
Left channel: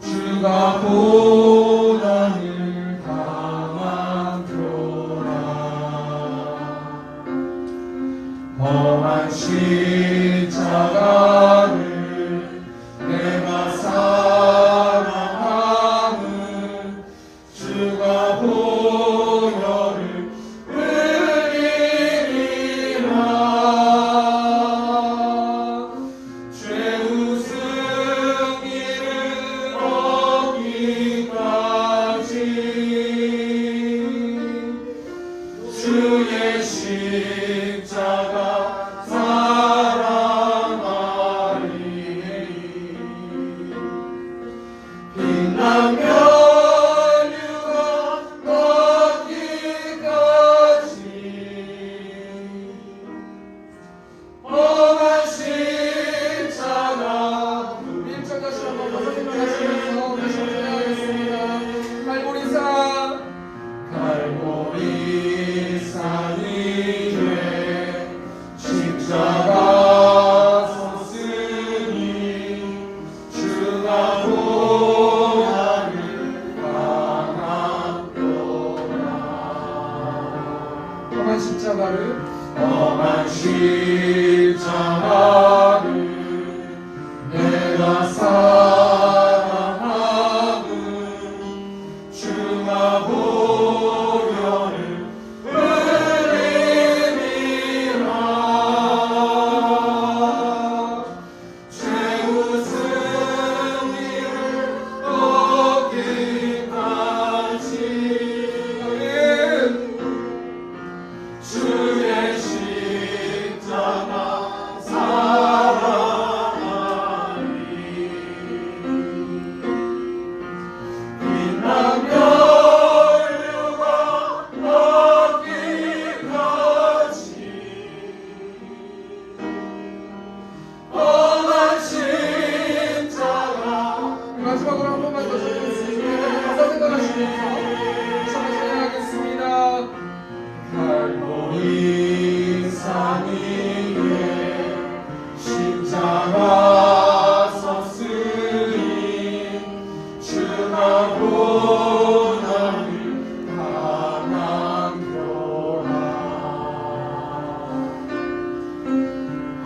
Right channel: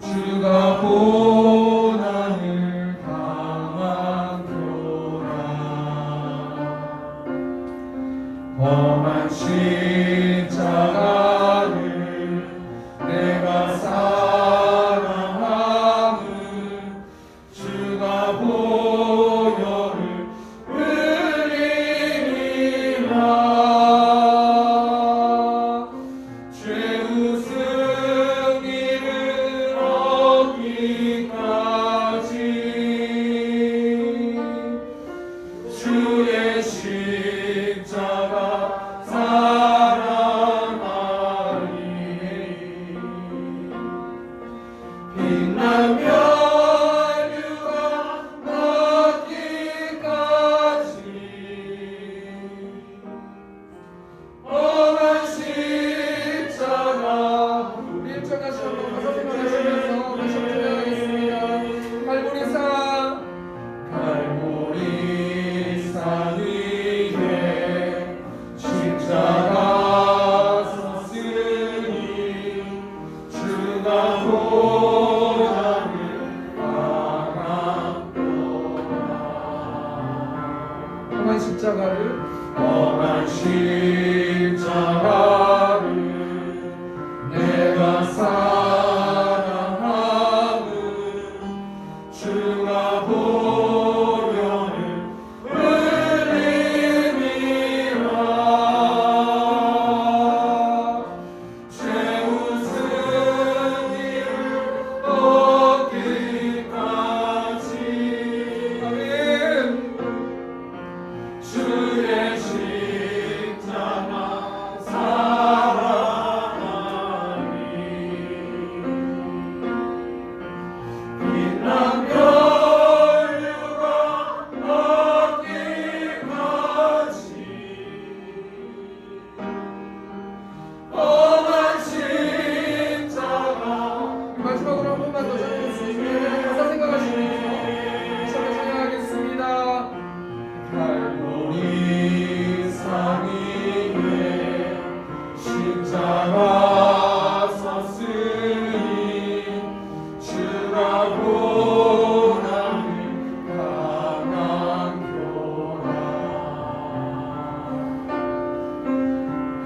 주가 고난을 당하도라. 험한 십자가를 내가 사랑하는 주가 보혈을 흘리리라. 죄우 승리를 얻기까지 주의 십자가 사랑하리. 빛나며 유가 얻기까지 험한 십자가. 우리 일절 다시 한번 가사 생각하시면서 다시 한번 찬양하겠습니다. 갈보리산 갈보리산 위에 십자가 섰으니 주가 고난을 당하도라. 험한 십자가를 험한 십자가를 내가 사랑하는 주가 보혈을 흘리리라. 죄우 승리를 얻기까지 주의 십자가 사랑하리. 빛나며 유가 얻기까지 험한 십자가. 마지막으로 한 번만 더 전하겠습니다. 가사 생각하시면서 다시 한번 찬양하겠습니다. 갈보리산 위에 십자가 섰으니 주가 고난을 당하도라.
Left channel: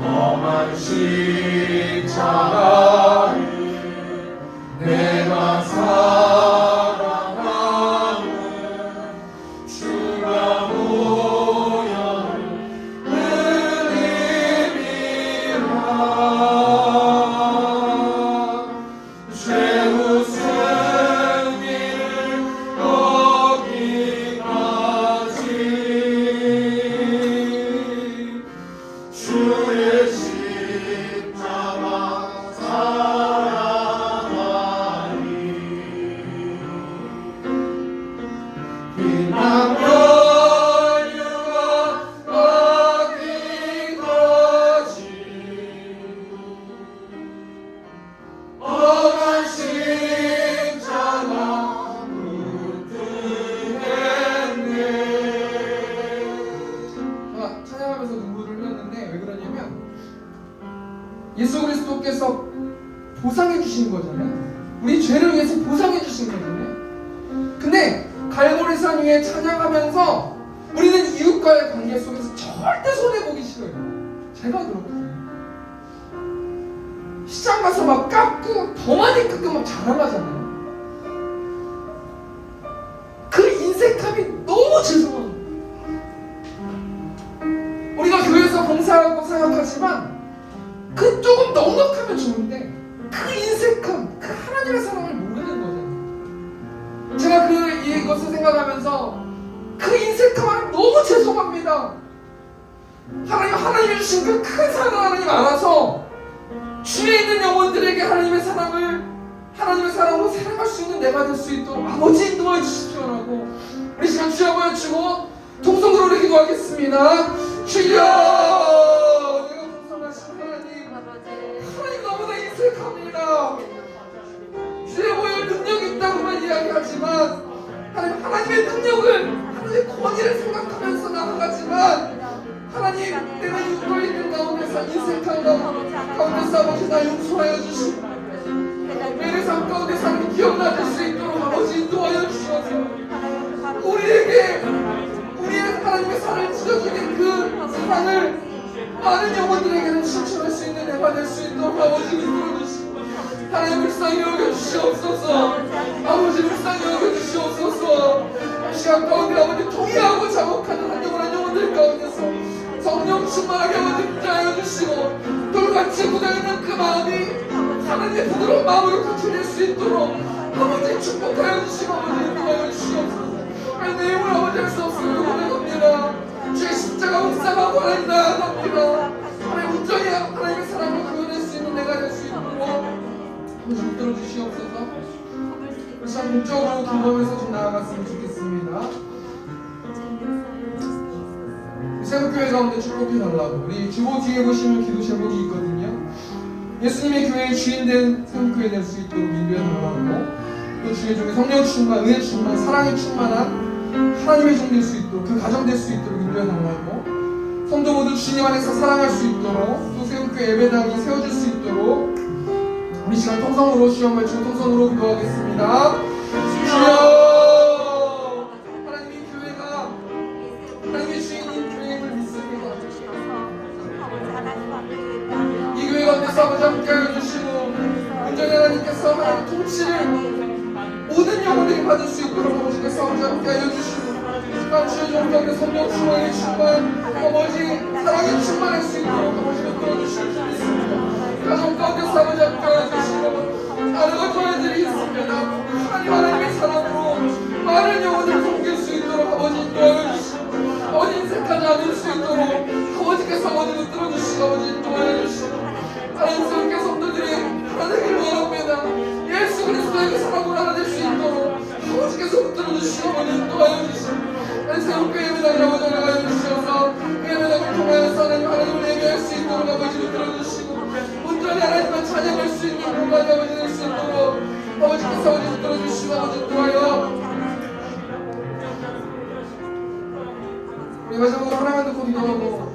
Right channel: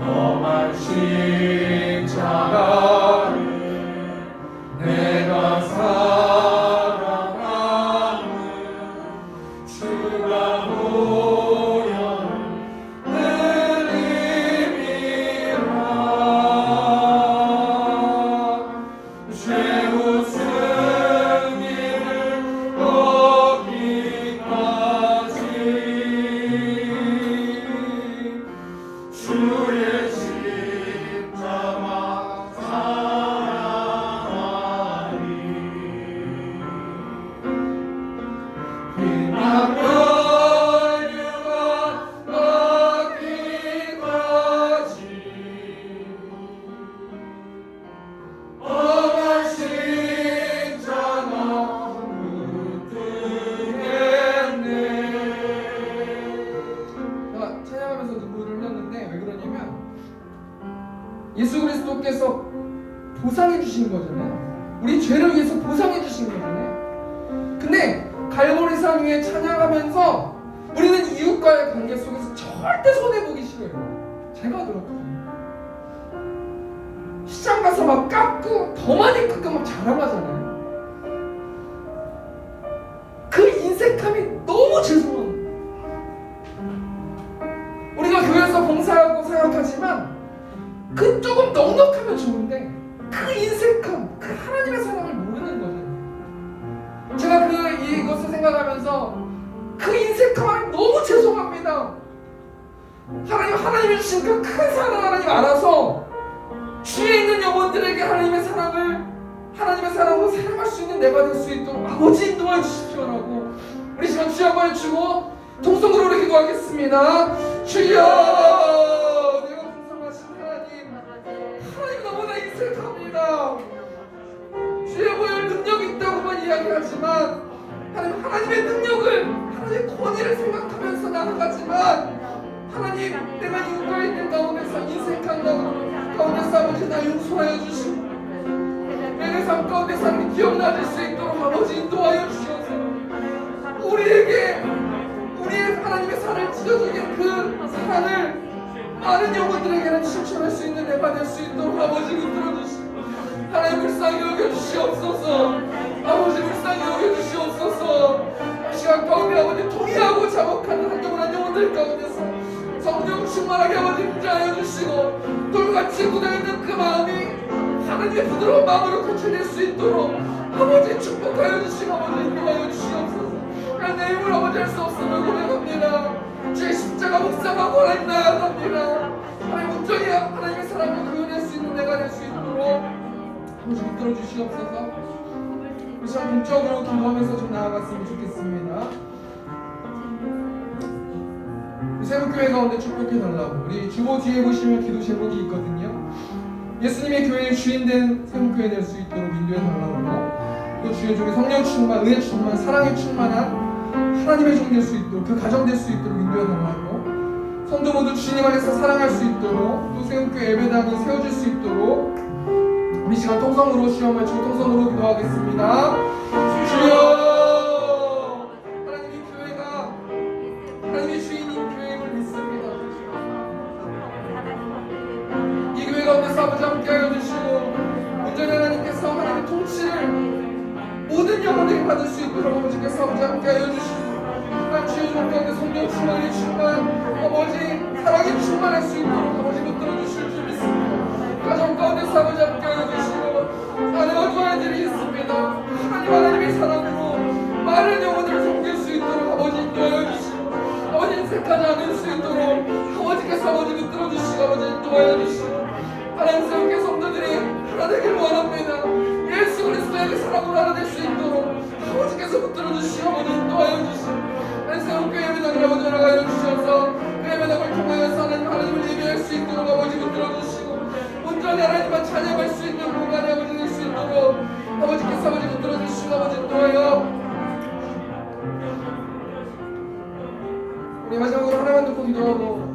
험한 십자가를 내가 사랑하는 주가 보혈을 흘리리라. 죄우 승리를 얻기까지 주의 십자가 사랑하리. 빛나며 유가 얻기까지 험한 십자가 붙들겠네. 찬양하면서 눈물을 흘렸는데 왜 그러냐면 예수 그리스도께서 보상해 주신 거잖아요. 우리 죄를 위해서 보상해 주신 거잖아요. 근데 갈보리산 위에 찬양하면서 우리는 이웃과의 관계 속에서 절대 손해보기 싫어요. 제가 그렇거든요. 시장 가서 막 깎고 더 많이 깎고 막 자랑하잖아요. 그 인색함이 너무 죄송한 거예요. 우리가 교회에서 봉사하고 생각하지만 그 조금 넉넉하면 좋은데 그 인색함, 그 하나님의 사랑을 모르는 거잖아요. 제가 이것을 생각하면서 그 인색함을 너무 죄송합니다. 하나님이 주신 그 큰 사랑 하나님 알아서 주위에 있는 영혼들에게 하나님의 사랑으로 사랑할 수 있는 내가 될 수 있도록 아버지 인도해 주십시오라고 우리 시간 주여 한번 해주고 통성으로 우리 기도하겠습니다. 주여, 내가 풍성하신 하나님 너무나 인색합니다. 주의 보혈 능력이 있다고만 이야기하지만 하나님의 능력을, 하나님의 권위를 생각하면서 나아가지만 하나님, 내가 이끌고 있는 가운데서 인색한 가운데서 아버지 나 용서하여 주시고 내 삶 가운데서 하나님 기억나줄 수 있도록 아버지 인도하여 주셔서 우리에게 우리의 하나님의 사랑을 찢어주는 그 사랑을 많은 영혼들에게는 실천할 수 있는 내가 될 수 있도록 아버지 이끌어주시고 하나님 불쌍히 여겨주시옵소서. 아버지 불쌍히 여겨주시옵소서. 이 시간 가운데 아버지 통일하고 자복하는 한 영혼들 가운데서 성령 충만하게 아버지 임재하여 주시고 돌같이 굳어있는 그 마음이 하나님의 부드러운 마음으로 고쳐질 수 있도록 아버지 축복하여 주시고 아버지 인도하여 주시옵소서. 내 힘을 아버지 할 수 없음을 고백합니다. 주의 십자가 묵상하고 하나님 나아갑니다. 하나님 온전히 하나님의 사랑을 구현할 수 있는 내가 될 수 있도록 아버지 붙들어 주시옵소서. 우리 시간 문적으로 기도하면서 좀 나아갔으면 좋겠습니다. 새우교회 가운데 축복해달라고 우리 주보 뒤에 보시면 기도 제목이 있거든요. 예수님의 교회의 주인된 새우교회 될 수 있도록 인도해달라고 또 주의 종이 성령 충만, 은혜 충만, 사랑이 충만한 하나님의 종 될 수 있도록 그 가정 될 수 있도록 인도해달라고 성도 모두 주님 안에서 사랑할 수 있도록 또 새우교회 예배당이 세워질 수 있도록 우리 시간 통성으로 주여 말씀 통성으로 기도하겠습니다. 주여 하나님의 교회가 하나님의 주인인 교회임을 믿습니다. 이 교회 가운데서 아버지 함께하여 주시고 온전히 하나님께서 하나님의 통치를 모든 영혼들이 받을 수 있도록 아버지께서 아버지 함께하여 주시고 주의 종 가운데 성령 충만이 충만 아버지 사랑이 충만할 수 있도록 아버지 붙들어 주실 줄 믿습니다. 가정 가운데서 아버지 함께하여 주시고 아내와 두 아이들이 있습니다. 하나님의 사랑으로 많은 영혼들을 섬길 수 있도록 아버지 인도하여 주시고 아버지 인색하지 않을 수 있도록 아버지께서 아버지 붙들어 주시고 아버지 인도하여 주시고 하나님 새롭게 성도들이 하나 되길 원합니다. 예수 그리스도의 그 사랑으로 하나 될 수 있도록 아버지께서 붙들어 주시고 아버지 인도하여 주시고 새롭게 예배당을 아버지 나가여 주셔서 그 예배당을 통하여서 하나님을 예배할 수 있도록 아버지 붙들어 주시고 온전히 하나님만 찬양할 수 있는 공간이 아버지 될 수 있도록 아버지께서 아버지 붙들어 주시고 아버지 인도하여 우리 마지막으로 하나만 듣고 기도하고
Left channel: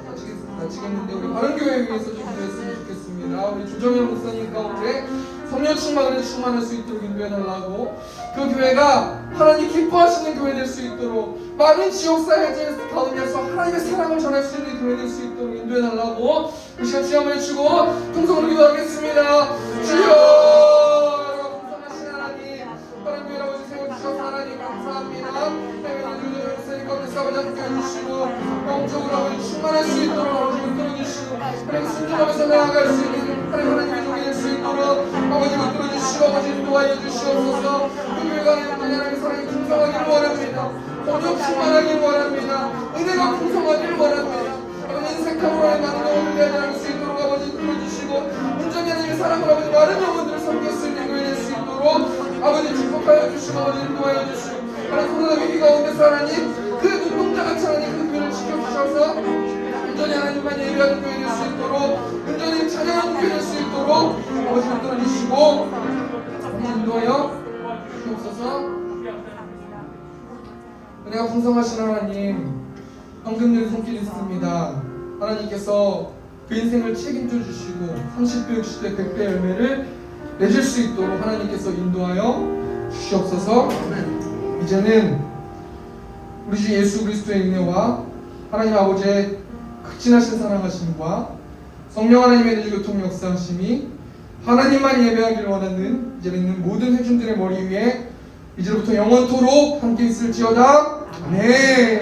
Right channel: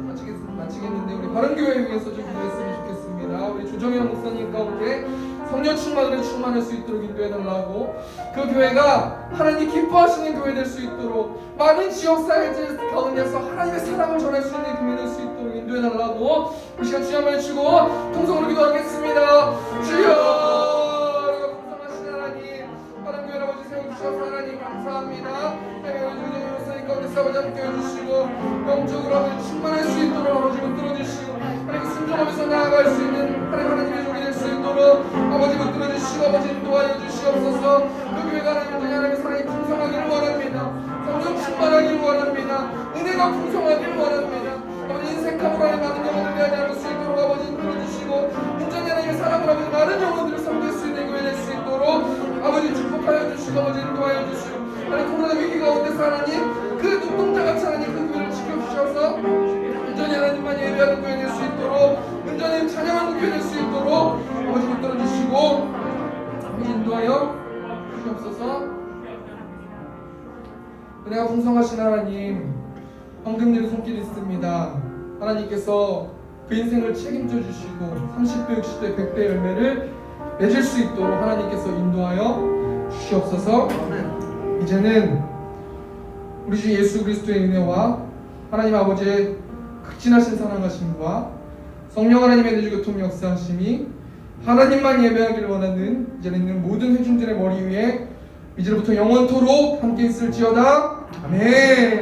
마치겠는데 우리 바른교회 위해서 좀 기도했으면 좋겠습니다. 우리 조정현 목사님 가운데 성령 충만을 충만할 수 있도록 인도해달라고 그 교회가 하나님 기뻐하시는 교회 될 수 있도록 많은 지역사회 가운데서 하나님의 사랑을 전할 수 있는 교회 될 수 있도록 인도해달라고 이 시간 주여 해주시고 통성으로 기도하겠습니다. 주여 풍성하신 하나님 바른교회 아버지 세워주셔서 하나님 감사합니다. 하나님 목사님 가운데서 아버지 함께 해주시고 영적으로 아버지 충만할 수 있도록 아버지 붙들어주시고 하나님 순종하면서 나아갈 수 있는 하나님의 종이 될 수 있도록 아버지 붙들어주시고 아버지 인도하여 주시옵소서. 그 교회가 하나님의 사랑이 풍성하기를 원합니다. 성령 충만하기를 원합니다. 은혜가 풍성하기를 원합니다. 아버지 인색함으로 하나님 많은 영혼을 대하지 않을 수 있도록 아버지 인도해주시고 온전히 하나님의 사랑을 아버지 많은 영혼들을 섬길 수 있는 교회 될 수 있도록 아버지 축복하여 주시고 아버지 인도하여 주시고 하나님 코로나 위기 가운데서 하나님 그 눈동자같이 하나님 그 교회를 지켜주셔서 온전히 하나님만 예배하는 교회 될 수 있도록 온전히 찬양하는 교회 될 수 있도록 아버지 붙들어주시고 아버지 인도하여 주옵소서. 은혜가 풍성하신 하나님 황금률 손길이 있습니다. 하나님께서 그 인생을 책임져 주시고 30배 60배 100배 열매를 맺을 수 있도록 하나님께서 인도하여 주시옵소서. 이제는 우리 주 예수 그리스도의 은혜와 하나님 아버지의 극진하신 사랑하심과 성령 하나님의 내주교통 역사하심이 하나님만 예배하기를 원하는 이제는 있는 모든 회중들의 머리 위에 이제부터 영원토록 함께 있을지어다. 아멘.